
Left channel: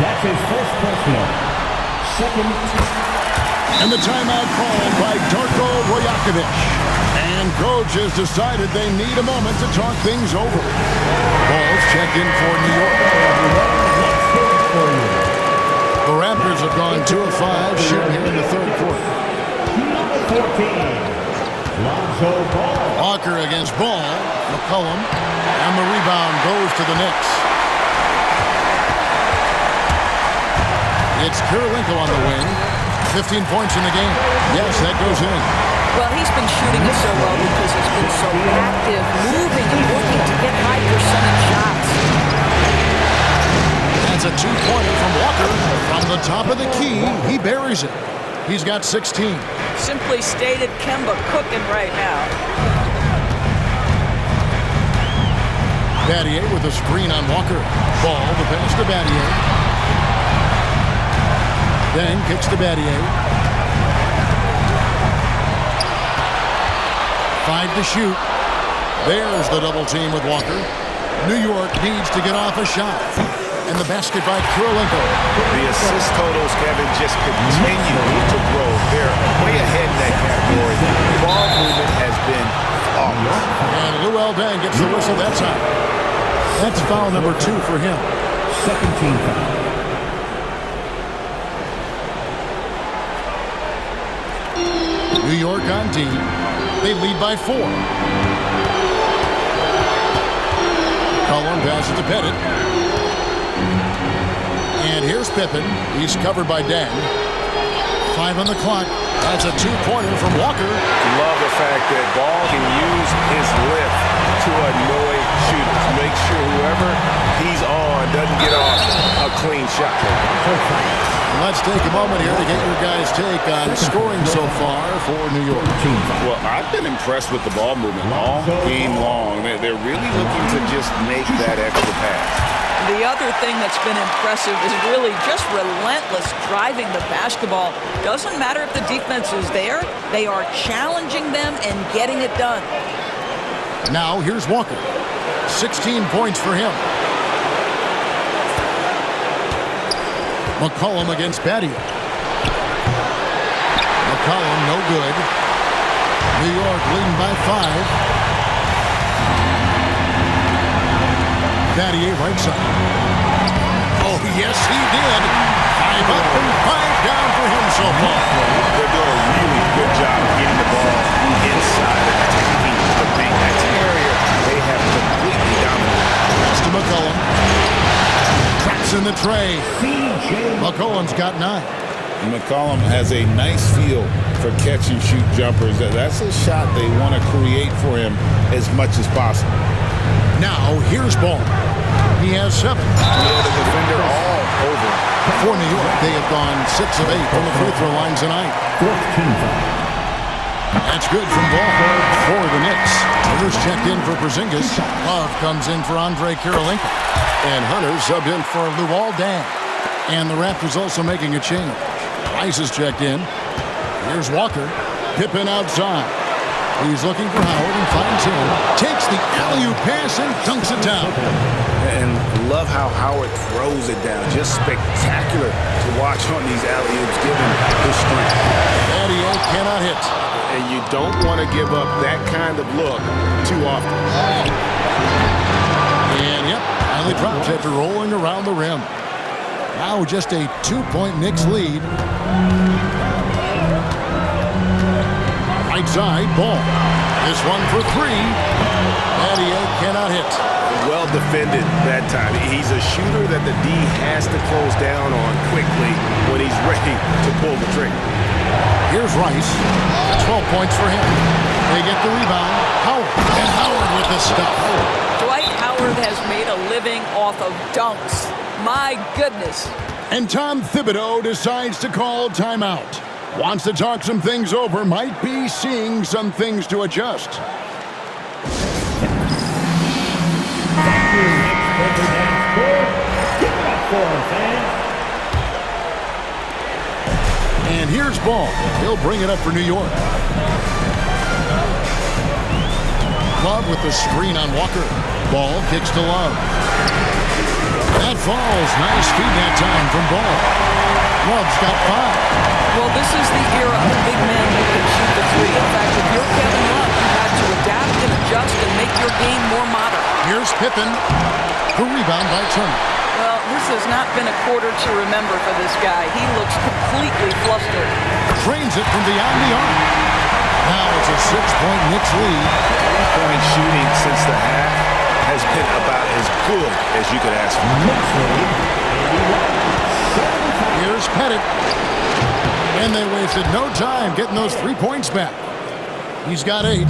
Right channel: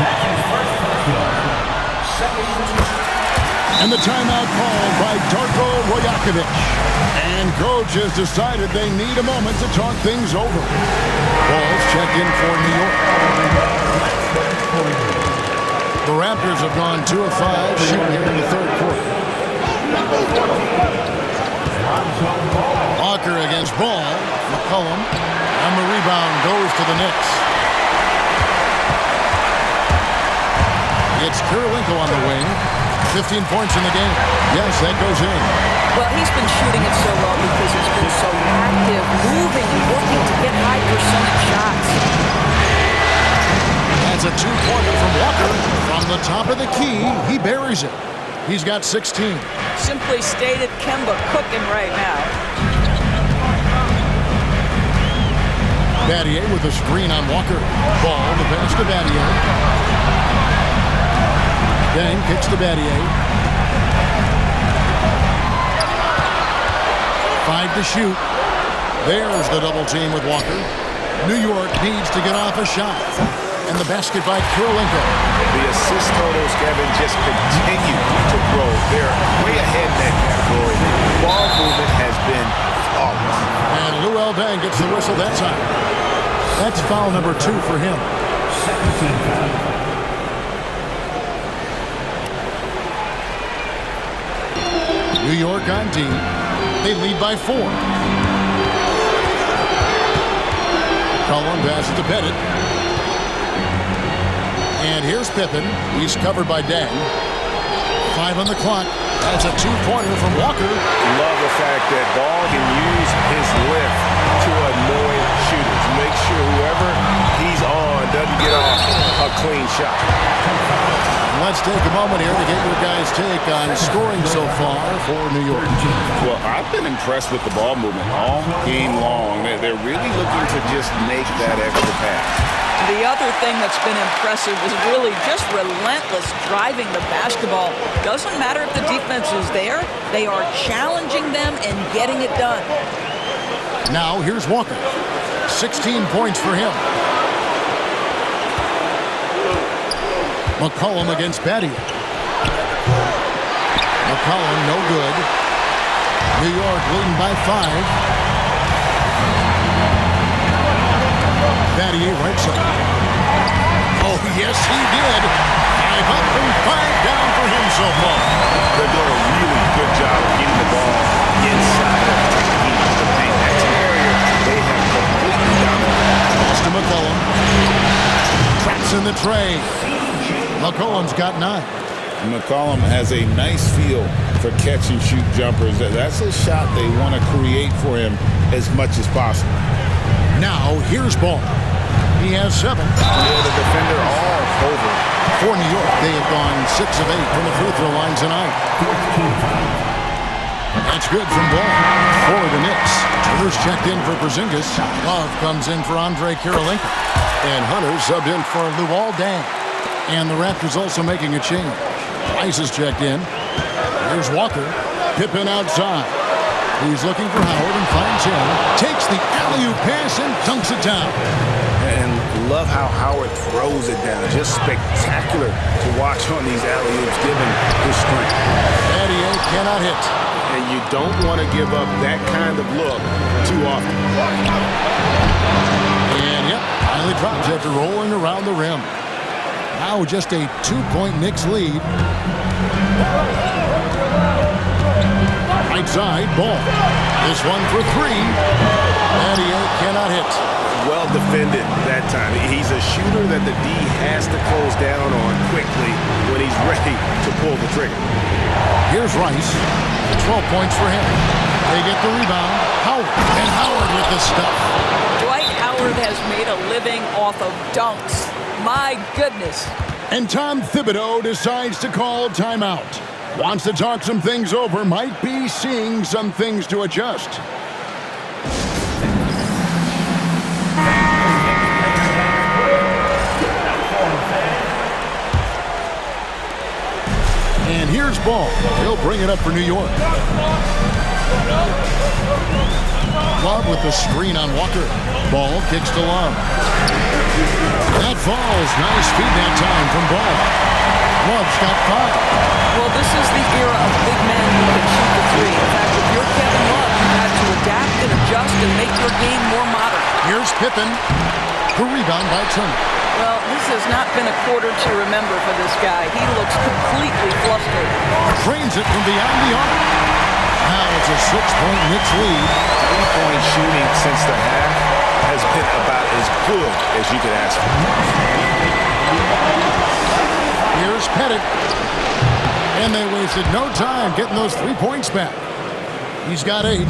That's his first personal. Second. And the timeout called by Darko Rajakovic. And coach has decided they need a moment to talk things over. Ball's checked in for New York. The Raptors have gone 2 of 5 shooting here in the third quarter. Walker against Ball. McCollum. And the rebound goes to the Knicks. It's Kirilenko on the wing. 15 points in the game. Yes, that goes in. Well, he's been shooting it so well because he's been so active, moving and working to get high percentage shots. That's a two-pointer from Walker. From the top of the key, he buries it. He's got 16. Simply stated, Kemba cooking right now. Battier with a screen on Walker. Ball, the pass to Battier. Then kicks to Battier. 5 to shoot. There's the double team with Walker. New York needs to get off a shot. And the basket by Kirilenko. The assist totals, Kevin, just continue to grow. They're way ahead in that category. Ball movement has been flawless. And Luol Deng gets the whistle that time. That's foul number 2 for him. Second team foul. New York on D. They lead by 4. Collin passes to Pettit. And here's Pippen. He's covered by Deng. 5 on the clock. That's a two-pointer from Walker. Love the fact that Ball can use his lift to annoy shooters. Make sure whoever he's on doesn't get off a clean shot. Let's take a moment here to get your guys' take on scoring so far for New York. Well, I've been impressed with the ball movement all game long. They're really looking to just make that extra pass. The other thing that's been impressive is really just relentless driving the basketball. Doesn't matter if the defense is there, they are challenging them and getting it done. Now here's Walker. 16 points for him. McCollum against Battier. McCollum no good. New York leading by 5. Battier right side. Oh, yes, he did. 5 up and 5 down for him so far. They're doing a really good job of getting the ball inside and attacking the paint. That's an area they have completely dominated. Pass to McCollum. Traps in the tray. McCollum's got 9. McCollum has a nice feel for catch-and-shoot jumpers. That's a shot they want to create for him as much as possible. Now, here's Ball. He has 7. Yeah, the defender all over. For New York, they have gone 6 of 8 from the free throw line tonight. That's good from Ball. For the Knicks, Turner's checked in for Porzingis. Love comes in for Andre Kirilenko. And Hunter subbed in for Luol Deng. And the Raptors also making a change. Rice is checked in. Here's Walker. Pippen outside. He's looking for Howard and finds him. Takes the alley-oop pass and dunks it down. And love how Howard throws it down. Just spectacular to watch on these alley-oops given his strength. Battier cannot hit. And you don't want to give up that kind of look too often. And yep, finally drops after rolling around the rim. Now just a 2-point Knicks lead. Right side, Ball. This one for 3. Battier cannot hit. Well defended that time. He's a shooter that the D has to close down on quickly when he's ready to pull the trigger. Here's Rice. 12 points for him. They get the rebound. Howard. And Howard with the stuff. Dwight Howard has made a living off of dunks. My goodness. And Tom Thibodeau decides to call timeout. Wants to talk some things over. Might be seeing some things to adjust. And here's Ball. He'll bring it up for New York. Love with the screen on Walker. Ball kicks to Love. That falls. Nice feed that time from Ball. Love's got 5. Well, this is the era of big men who can shoot the 3. In fact, if you're Kevin Love, you've had to adapt and adjust and make your game more modern. Here's Pippen. The rebound by Turner. Well, this has not been a quarter to remember for this guy. He looks completely flustered. Trains it from beyond the arc. Now it's a 6-point Knicks lead. 3-point shooting since the half has been about as good as you could ask for. Here's Pettit. And they wasted no time getting those 3 points back. He's got 8.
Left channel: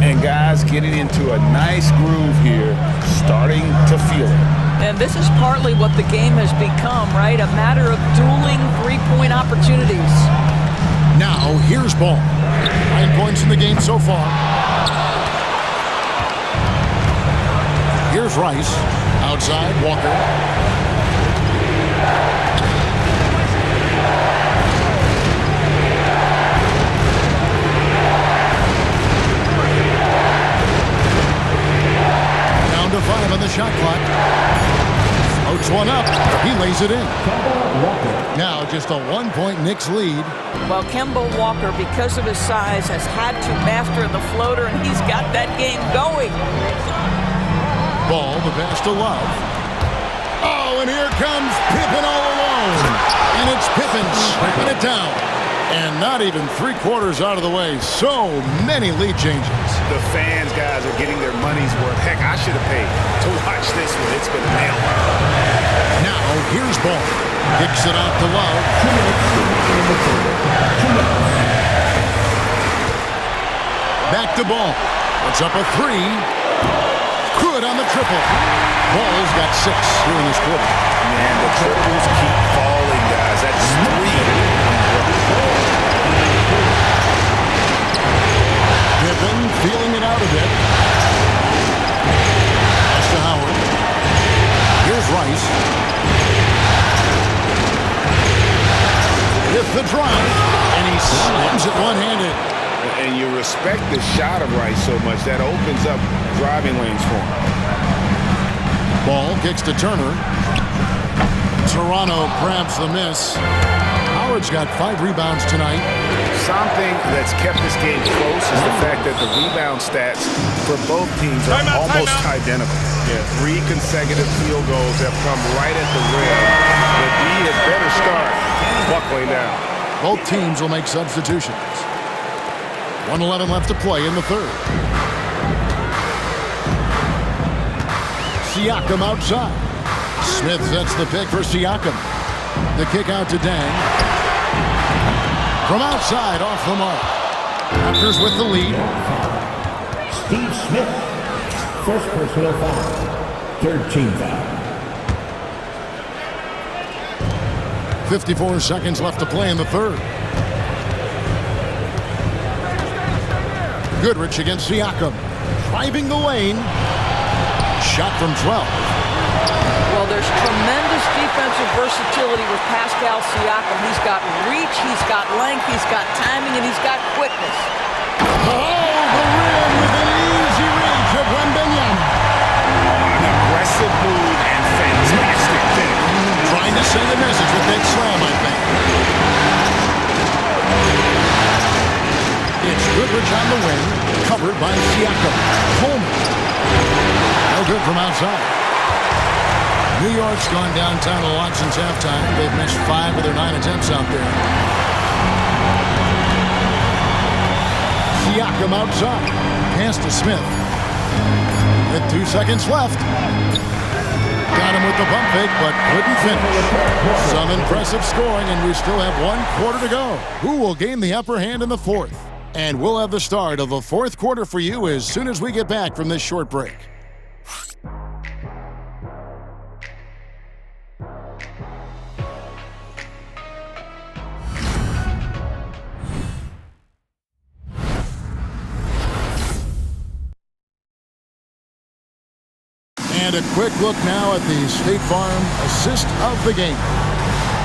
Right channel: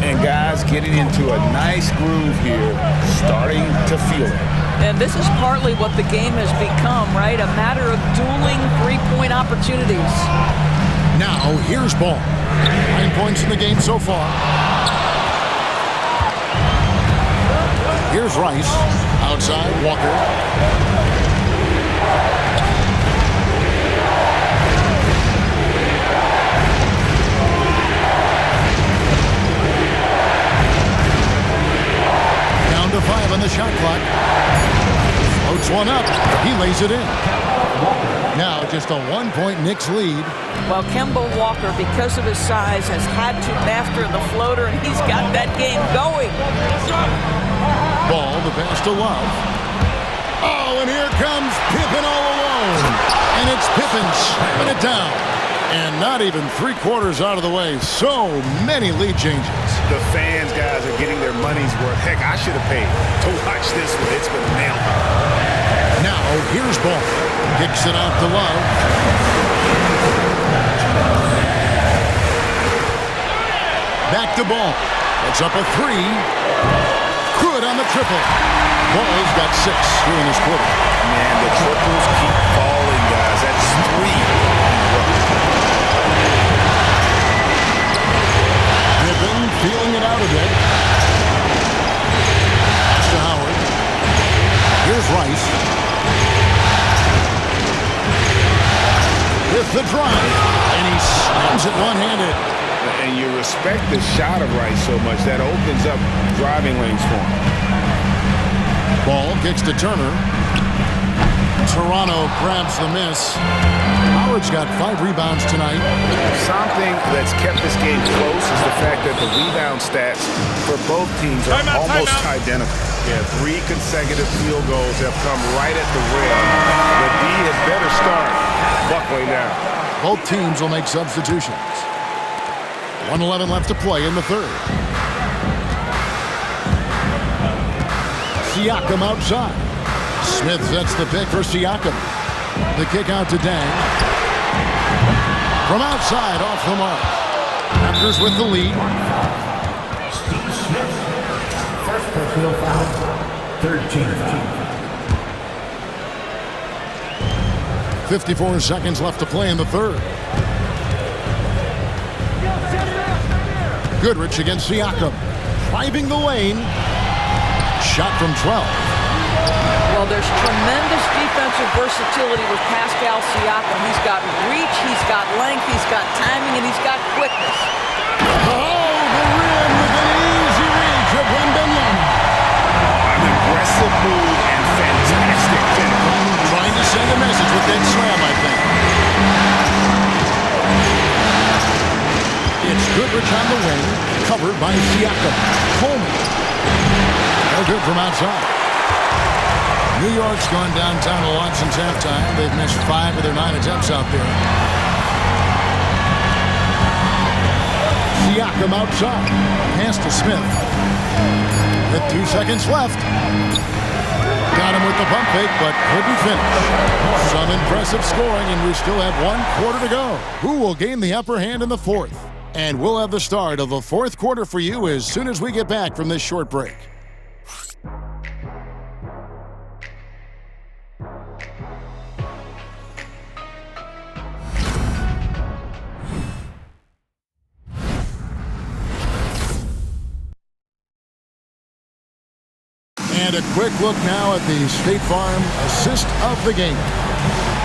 And guys getting into a nice groove here, starting to feel it. And this is partly what the game has become, right? A matter of dueling 3-point opportunities. Now, here's Ball. 9 points in the game so far. Here's Rice. Outside, Walker. Down to 5 on the shot clock. Floats one up. He lays it in. Now just a 1-point Knicks lead. Well, Kemba Walker, because of his size, has had to master the floater, and he's got that game going. Ball, the pass to Love. Oh, and here comes Pippen all alone. And it's Pippen slamming it down. And not even 3/4 out of the way. So many lead changes. The fans, guys, are getting their money's worth. Heck, I should have paid to watch this one. It's been a nail. Now, here's Ball. Kicks it out to Love. Back to Ball. Puts up a three. Good on the triple. Ball's got 6 here in this quarter. Man, the triples keep falling, guys. That's 3 in a row. Pippen feeling it out a bit. Pass to Howard. Here's Rice. With the drive, and he slams it one-handed. And you respect the shot of Rice so much that opens up driving lanes for him. Ball kicks to Turner. Toronto grabs the miss. Howard's got 5 rebounds tonight. Something that's kept this game close is the fact that the rebound stats for both teams are almost identical. Yeah, 3 consecutive field goals have come right at the rim. The D had better start buckling down. Both teams will make substitutions. 1:11 left to play in the third. Siakam outside. Smith sets the pick for Siakam. The kick out to Dang. From outside, off the mark. Raptors with the lead. Steve Smith. First personal foul. Third team foul. 54 seconds left to play in the third. Goodrich against Siakam. Driving the lane. Shot from 12. Well, there's tremendous defensive versatility with Pascal Siakam. He's got reach, he's got length, he's got timing, and he's got quickness. Oh, the rim with an easy reach of Wembanyama. Oh, an aggressive move and fantastic finish. Trying to send a message with that slam, I think. It's Goodrich on the wing, covered by Siakam. Coleman. No good from outside. New York's gone downtown a lot since halftime. They've missed 5 of their 9 attempts out there. Siakam outside. Pass to Smith. With 2 seconds left. Got him with the pump fake, but couldn't finish. Some impressive scoring, and we still have 1 quarter to go. Who will gain the upper hand in the fourth? And we'll have the start of the fourth quarter for you as soon as we get back from this short break. And a quick look now at the State Farm assist of the game.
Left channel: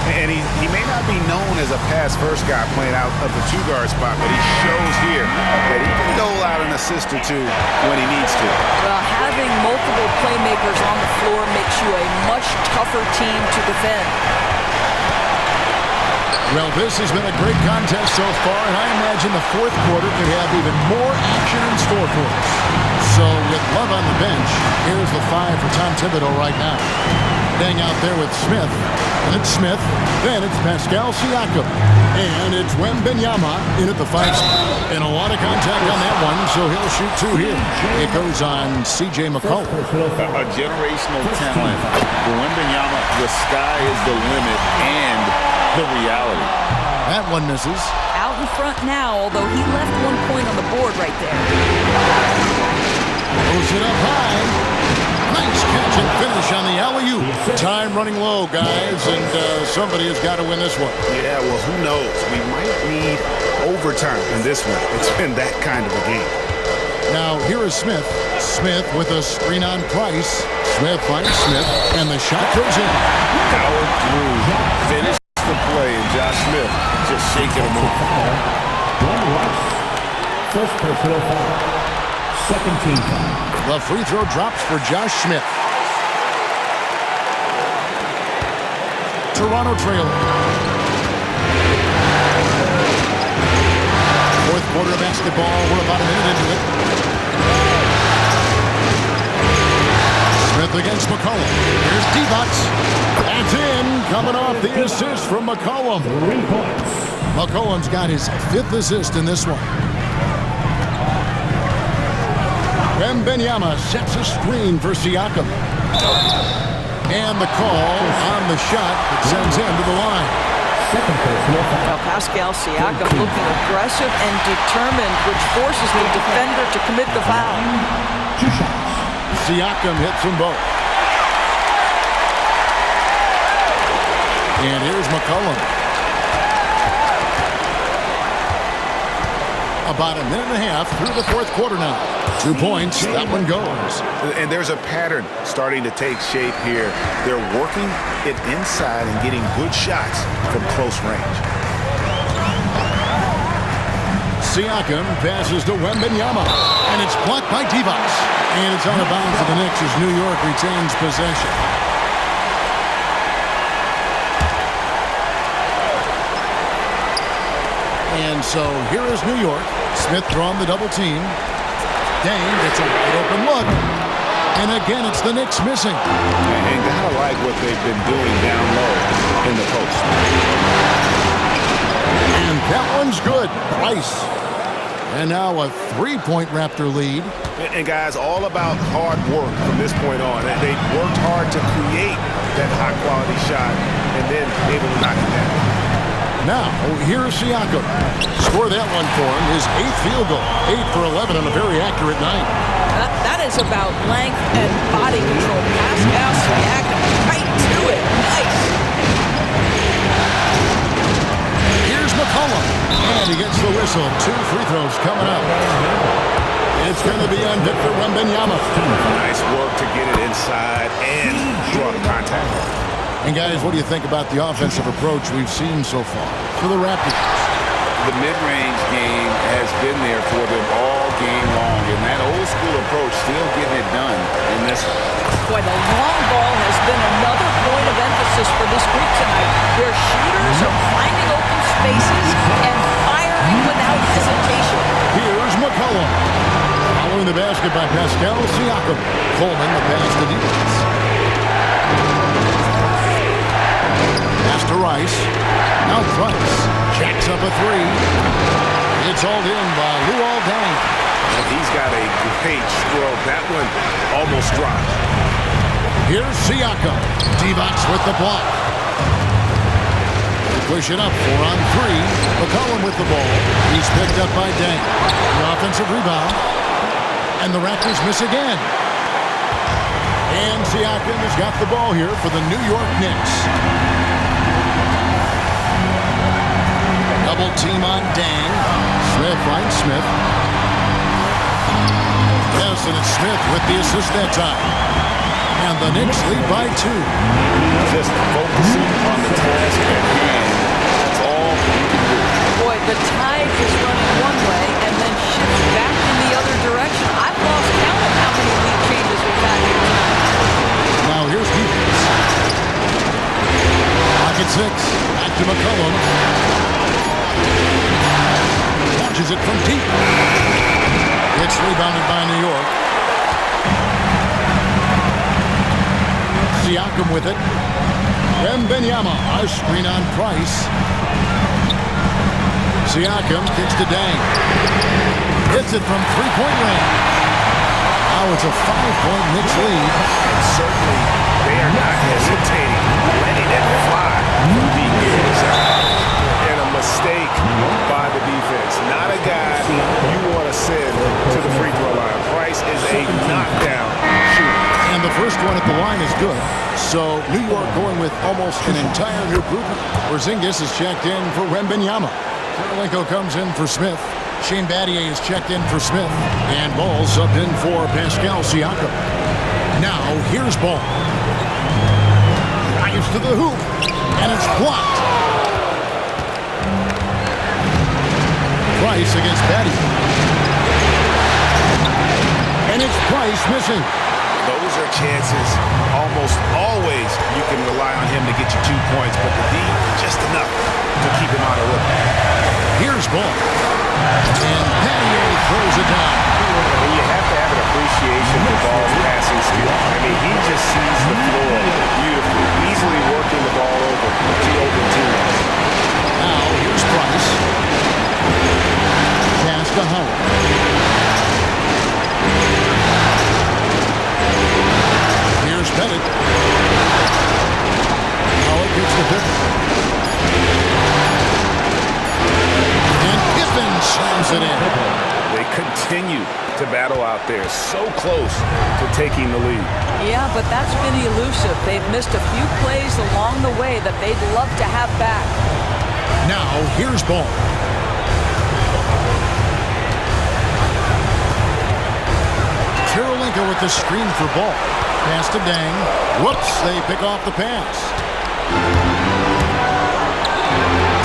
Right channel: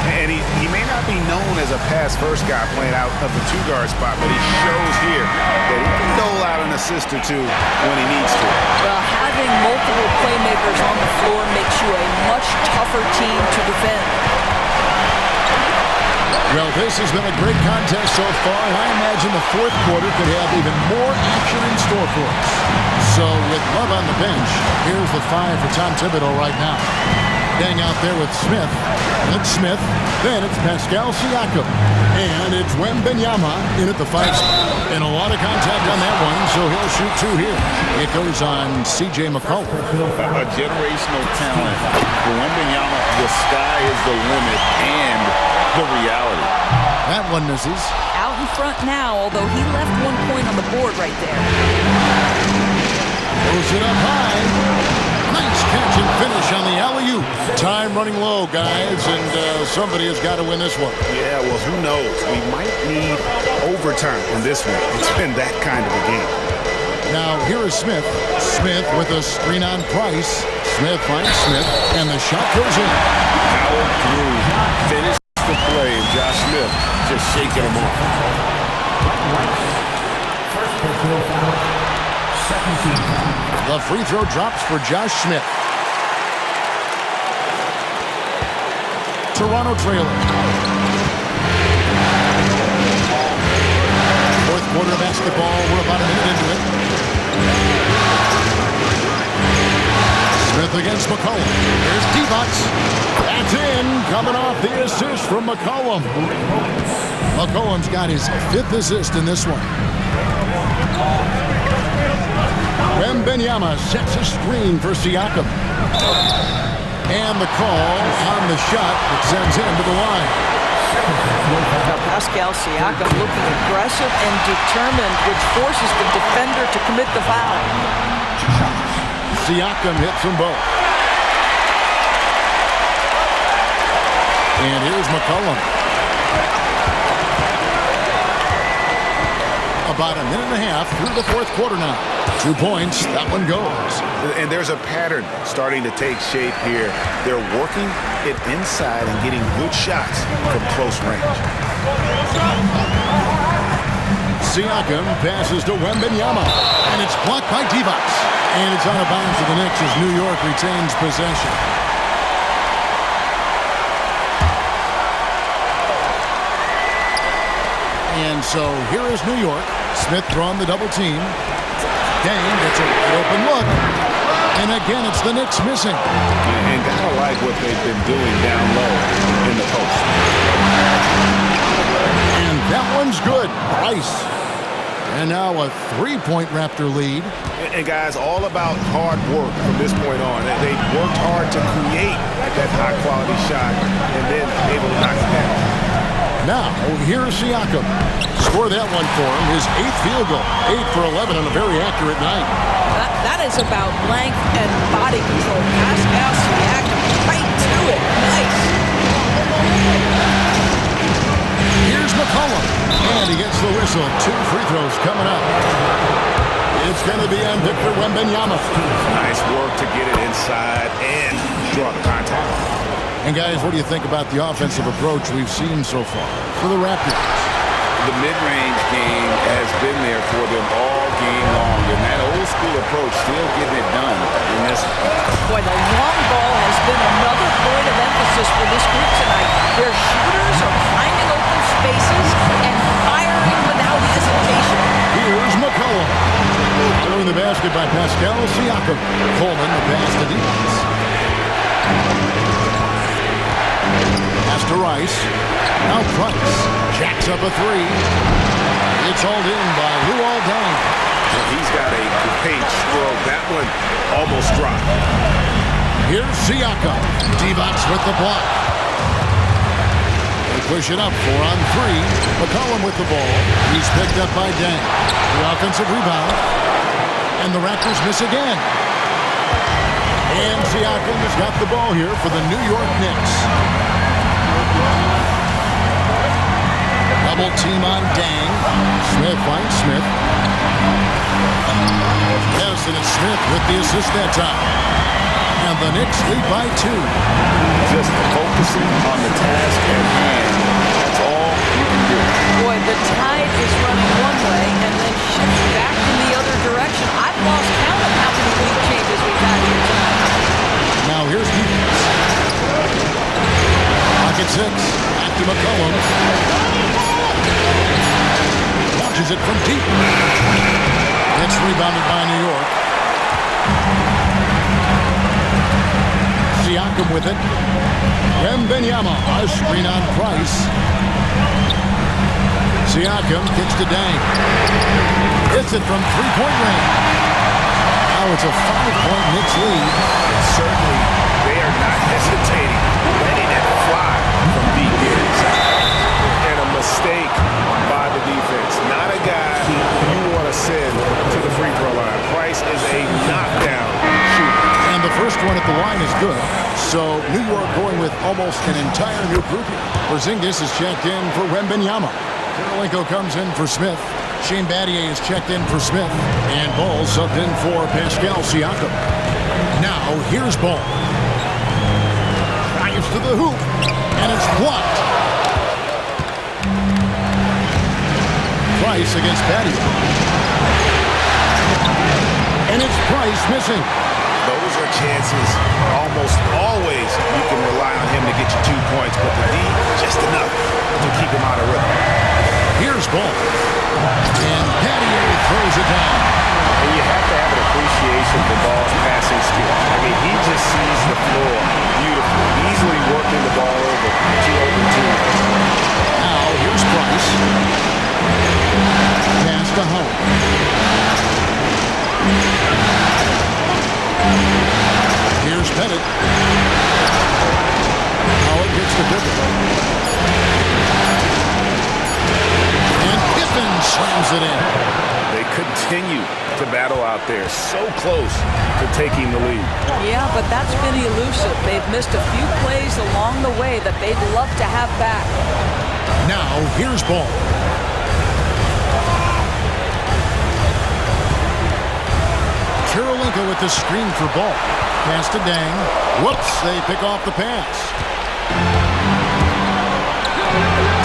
And he may not be known as a pass-first guy playing out of the 2-guard spot, but he shows here that he can dole out an assist or 2 when he needs to. Well, having multiple playmakers on the floor makes you a much tougher team to defend. Well, this has been a great contest so far, and I imagine the fourth quarter could have even more action in store for us. So with Love on the bench, here's the 5 for Tom Thibodeau right now. Dang out there with Smith. And it's Smith. Then it's Pascal Siakam. And it's Wembanyama in at the 5. And a lot of contact on that one, so he'll shoot 2 here. It goes on C.J. McCollum. A generational talent. For Wembanyama, the sky is the limit and the reality. That one misses. Out in front now, although he left 1 point on the board right there. Throws it up high. Nice catch and finish on the alley-oop. Time running low, guys, and somebody has got to win this one. Yeah, well, who knows? We might need overtime in this one. It's been that kind of a game. Now, here is Smith. Smith with a screen on Price. Smith finds Smith, and the shot goes in. Howard through. Finished the play, and Josh Smith just shaking him off. First personal foul. Second team foul. The free throw drops for Josh Smith. Toronto trailing. Fourth quarter of basketball. We're about a minute into it. Smith against McCollum. Here's D-Bucks. That's in. Coming off the assist from McCollum. 3 points. McCollum's got his 5th assist in this one. Wembanyama sets a screen for Siakam. And the call on the shot that sends him to the line. second personal foul. Now Pascal Siakam looking aggressive and determined, which forces the defender to commit the foul. 2 shots. Siakam hits them both. And here's McCollum. About a minute and a half through the fourth quarter now. 2 points, that one goes. And there's a pattern starting to take shape here. They're working it inside and getting good shots from close range. Siakam passes to Wembanyama, and it's blocked by Divac. And it's out of bounds to the Knicks as New York retains possession. And so here is New York. Smith drawing the double team. Dang gets a wide open look. And again, it's the Knicks missing. And gotta like what they've been doing down low in the post. And that one's good. Price. And now a 3-point Raptor lead. And guys, all about hard work from this point on. They've worked hard to create that high-quality shot and then able to knock it down. Now, here's Siakam. Score that one for him, his 8th field goal. 8 for 11 on a very accurate night. That is about length and body control. Pascal Siakam right to it. Nice. Here's McCollum. And he gets the whistle. 2 free throws coming up. It's going to be on Victor Wembanyama. Nice work to get it inside and draw the contact. And guys, what do you think about the offensive approach we've seen so far for the Raptors? The mid-range game has been there for them all game long, and that old-school approach still getting it done in this one. Boy, the long ball has been another point of emphasis for this group tonight. Their shooters are finding open spaces and firing without hesitation. Here's McCollum. Following the basket by Pascal Siakam. Coleman, the pass to defense. Pass to Rice. Now Price jacks up a 3. It's hauled in by Luol Deng. And he's got a great stroke. That one almost dropped. Here's Siakam. Divac with the block. They push it up 4 on 3. McCollum with the ball. He's picked up by Deng. The offensive rebound. And the Raptors miss again. And Siakam has got the ball here for the New York Knicks. Double team on Deng. Smith finds Smith. Yes, and it's Smith with the assist that time. And the Knicks lead by 2. Just focusing on the task at hand. That's all you can do. Boy, the tide is running one way and then shifts back in the other direction. I've lost count of how many lead changes we've had here tonight. Now here's defense. Pocket 6. Back to McCollum. Launches it from deep. It's rebounded by New York. Siakam with it. Wembanyama, a screen on Price. Siakam kicks to Deng. Hits it from 3-point range. Now it's a 5-point Knicks lead. And certainly they are not hesitating, letting it fly from deep inside. And a mistake by the defense. Not a guy you want to send to the free throw line. Price is a knockdown shooter. And the first one at the line is good. So New York going with almost an entire new group. Porzingis is checked in for Wembanyama. Kirilenko comes in for Smith. Shane Battier is checked in for Smith. And Ball subbed in for Pascal Siakam. Now here's Ball. Drives to the hoop. And it's blocked. Price against Battier. And it's Price missing. Those are chances almost always you can rely on him to get you 2 points, but the D, just enough to keep him out of rhythm. Here's Ball. And Battier throws it down. And you have to have an appreciation for Ball's passing skills. I mean, he just sees the floor beautifully, easily working the ball over to open teammates. Now, here's Price. Pass to Howard. Here's Pettit. Howard gets the pivot. Spin slams it in. They continue to battle out there, so close to taking the lead. Yeah, but that's been elusive. They've missed a few plays along the way that they'd love to have back. Now, here's ball. Kirilenko with the screen for ball. Pass to Dang. Whoops, they pick off the pass.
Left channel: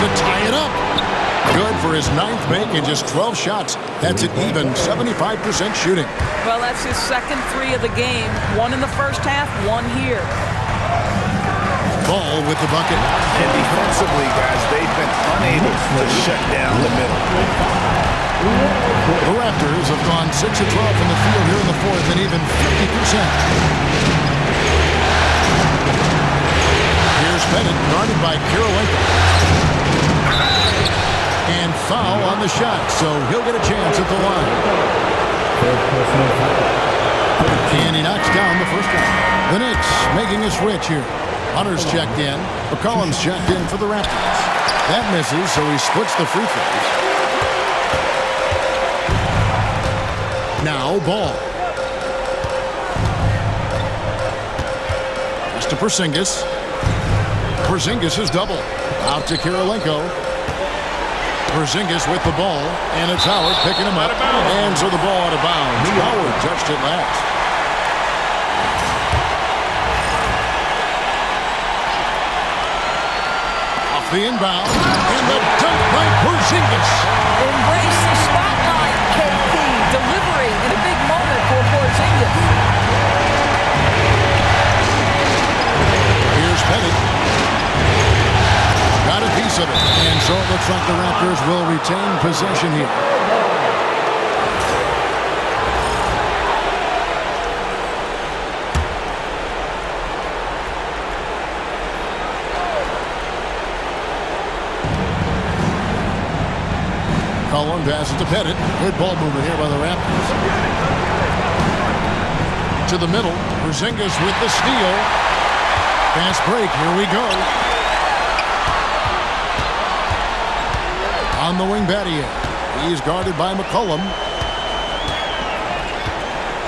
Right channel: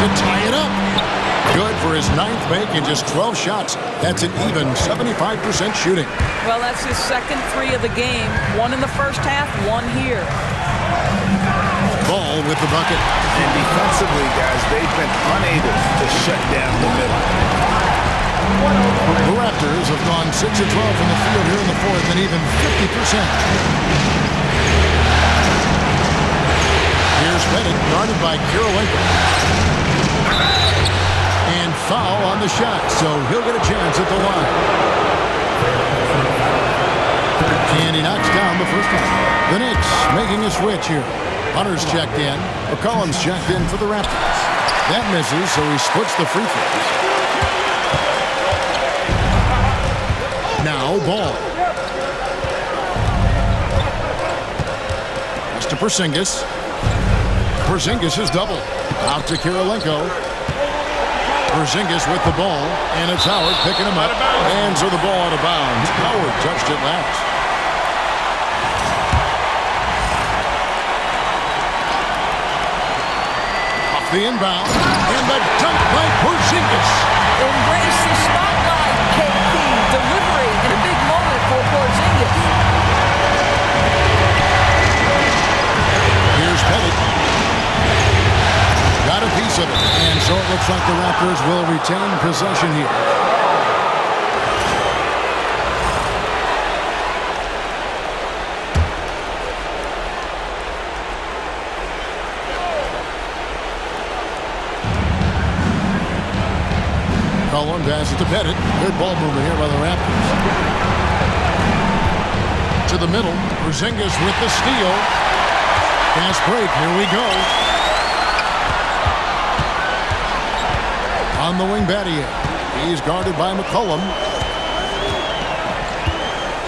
To tie it up. Good for his 9th make in just 12 shots. That's an even 75% shooting. Well, that's his second 3 of the game. 1 in the first half, 1 here. Ball with the bucket. And defensively, guys, they've been unable to shut down the middle. The Raptors have gone 6 of 12 from the field here in the fourth and even 50%. Here's Bennett, guarded by Kirilenko. And foul on the shot, so he'll get a chance at the line. And he knocks down the first one. The Knicks making a switch here. Hunter's checked in. McCollum's checked in for the Raptors. That misses, so he splits the free throws. Now ball. Pass to Porzingis. Porzingis is double. Out to Kirilenko. Porzingis with the ball, and it's Howard picking him up. And so the ball out of bounds. Howard touched it last. Off the inbound, and the dunk by Porzingis. Embrace the spotlight, KP. Delivery in a big moment for Porzingis. Here's Pettit. Got a piece of it, and so it looks like the Raptors will retain possession here. Cullen passes to Pettit. Good ball movement here by the Raptors. To the middle, Porzingis with the steal. Fast break, here we go. On the wing, Battier. He's guarded by McCollum.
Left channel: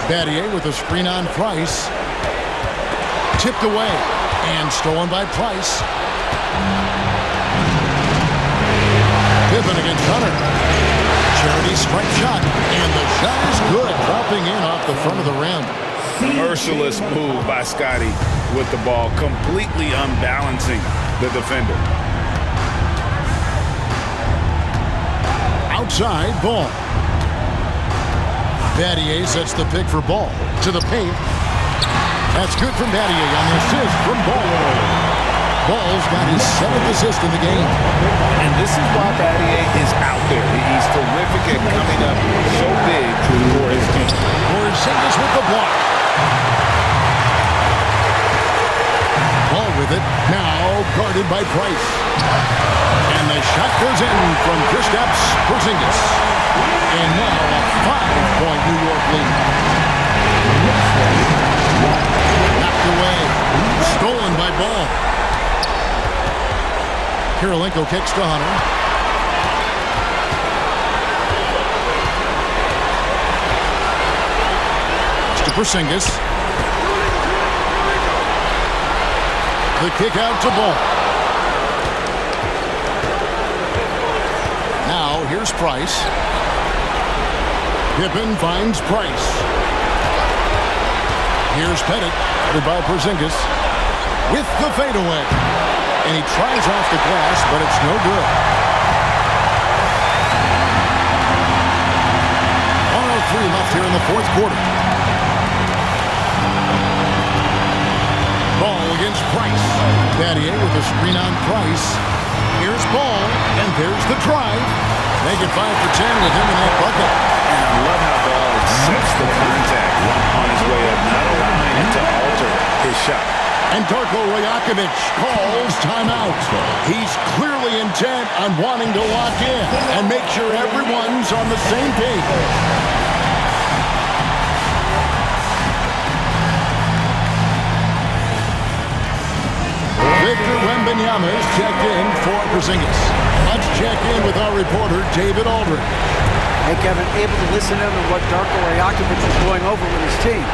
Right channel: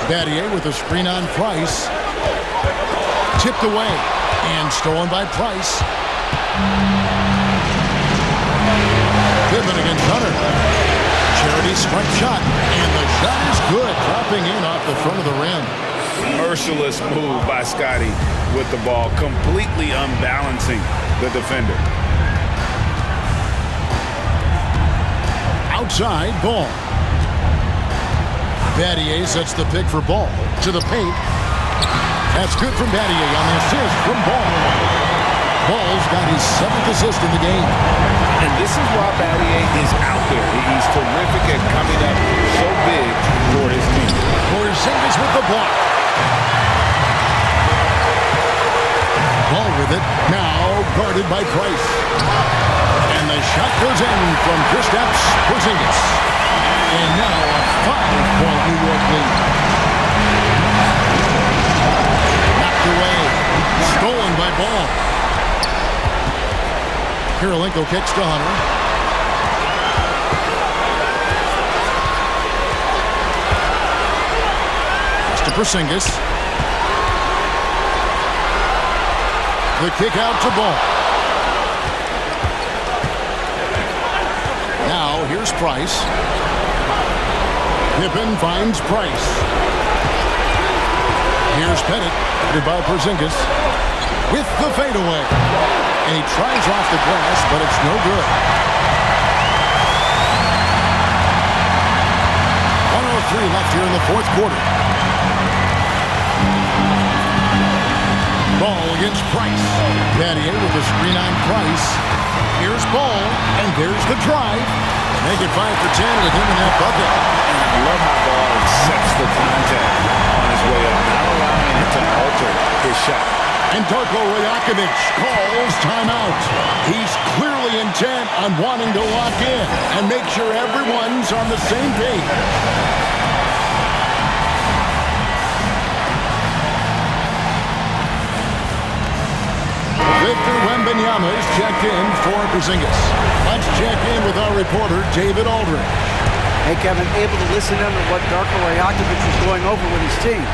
Battier with a screen on Price. Tipped away and stolen by Price. Pippen against Hunter. Charity strike shot, and the shot is good, dropping in off the front of the rim. Merciless move by Scotty with the ball, completely unbalancing the defender. Outside, Ball. Battier sets the pick for Ball. To the paint. That's good from Battier on the assist from Ball. Ball's got his 7th assist in the game. And this is why Battier is out there. He's terrific at coming up so big for his team. Porzingis with the block. Ball with it. Now guarded by Price. And the shot goes in from Kristaps Porzingis. And now a 5-point New York lead. Knocked away. Stolen by Ball. Kirilenko kicks to Hunter. Pass to Porzingis. The kick out to Ball. Now, here's Price. Pippen finds Price. Here's Pettit, guarded by Porzingis, with the fadeaway. And he tries off the glass, but it's no good. 1:03 left here in the fourth quarter. Ball against Price. Battier with a screen on Price. Here's Ball, and there's the drive. Make it 5 for 10 with him in that bucket. And I love how Ball accepts the contact on his way up, not allowing it to alter his shot. And Darko Rajakovic calls timeout. He's clearly intent on wanting to lock in and make sure everyone's on the same page. Victor Wembanyama is checked in for Porzingis. Let's check in with our reporter, David Aldridge. Hey, Kevin, able to listen in on what Darko Rajakovic was going over with his team.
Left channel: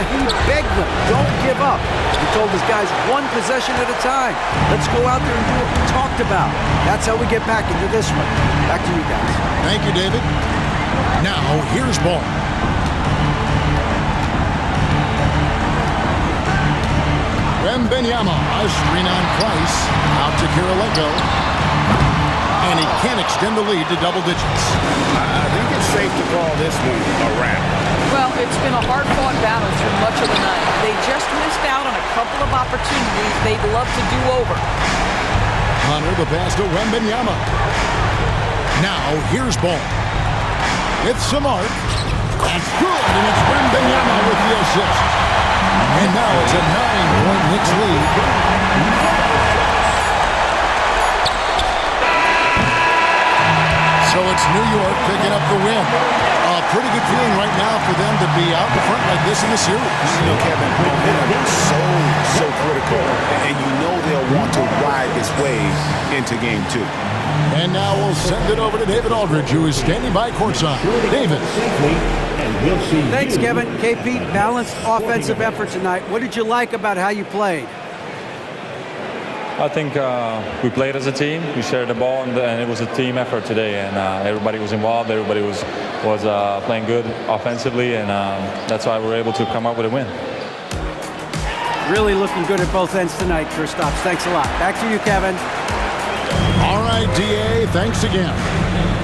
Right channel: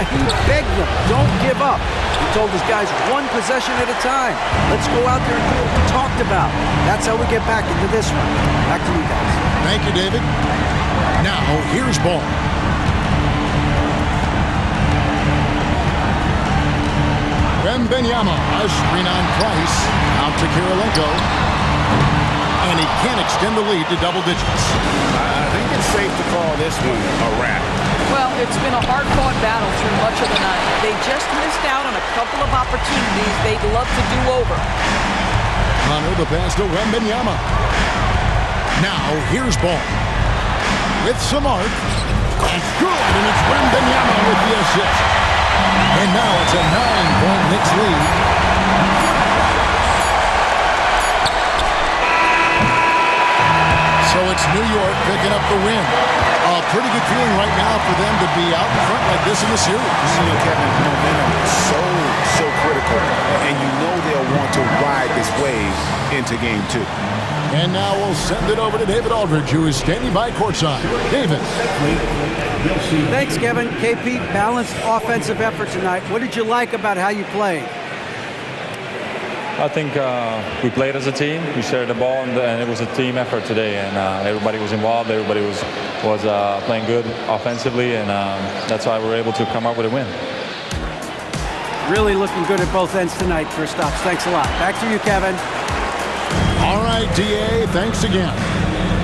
And he begged them, don't give up. He told his guys, one possession at a time. Let's go out there and do what we talked about. That's how we get back into this one. Back to you guys. Thank you, David. Now, here's ball. Wembanyama, a screen on Price. Out to Kirilenko. And he can't extend the lead to double digits. I think it's safe to call this one a wrap. Well, it's been a hard-fought battle through much of the night. They just missed out on a couple of opportunities they'd love to do over. Hunter, the pass to Wembanyama. Now, here's ball. With some arc. That's good, and it's Wembanyama with the assist. And now it's a 9-point Knicks lead. So it's New York picking up the win. A pretty good feeling right now for them to be out in front like this in the series. You know, Kevin, momentum is so critical. And you know they'll want to ride this wave into game 2. And now we'll send it over to David Aldridge, who is standing by courtside. David. Thanks, Kevin. KP, balanced offensive effort tonight. What did you like about how you played? I think we played as a team. We shared the ball, and it was a team effort today. And everybody was involved. Everybody was playing good offensively, and that's why we were able to come up with a win. Really looking good at both ends tonight, Kristaps. Thanks a lot. Back to you, Kevin. All right, DA, thanks again.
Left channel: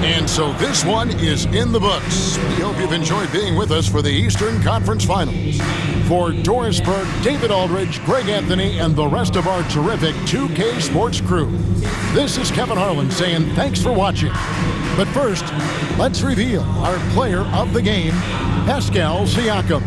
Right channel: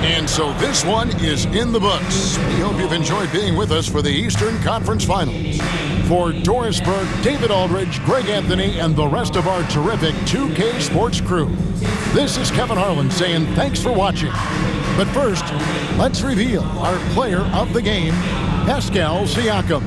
And so this one is in the books. We hope you've enjoyed being with us for the Eastern Conference Finals. For Doris Burke, David Aldridge, Greg Anthony, and the rest of our terrific 2K Sports crew, this is Kevin Harlan saying thanks for watching. But first, let's reveal our player of the game, Pascal Siakam.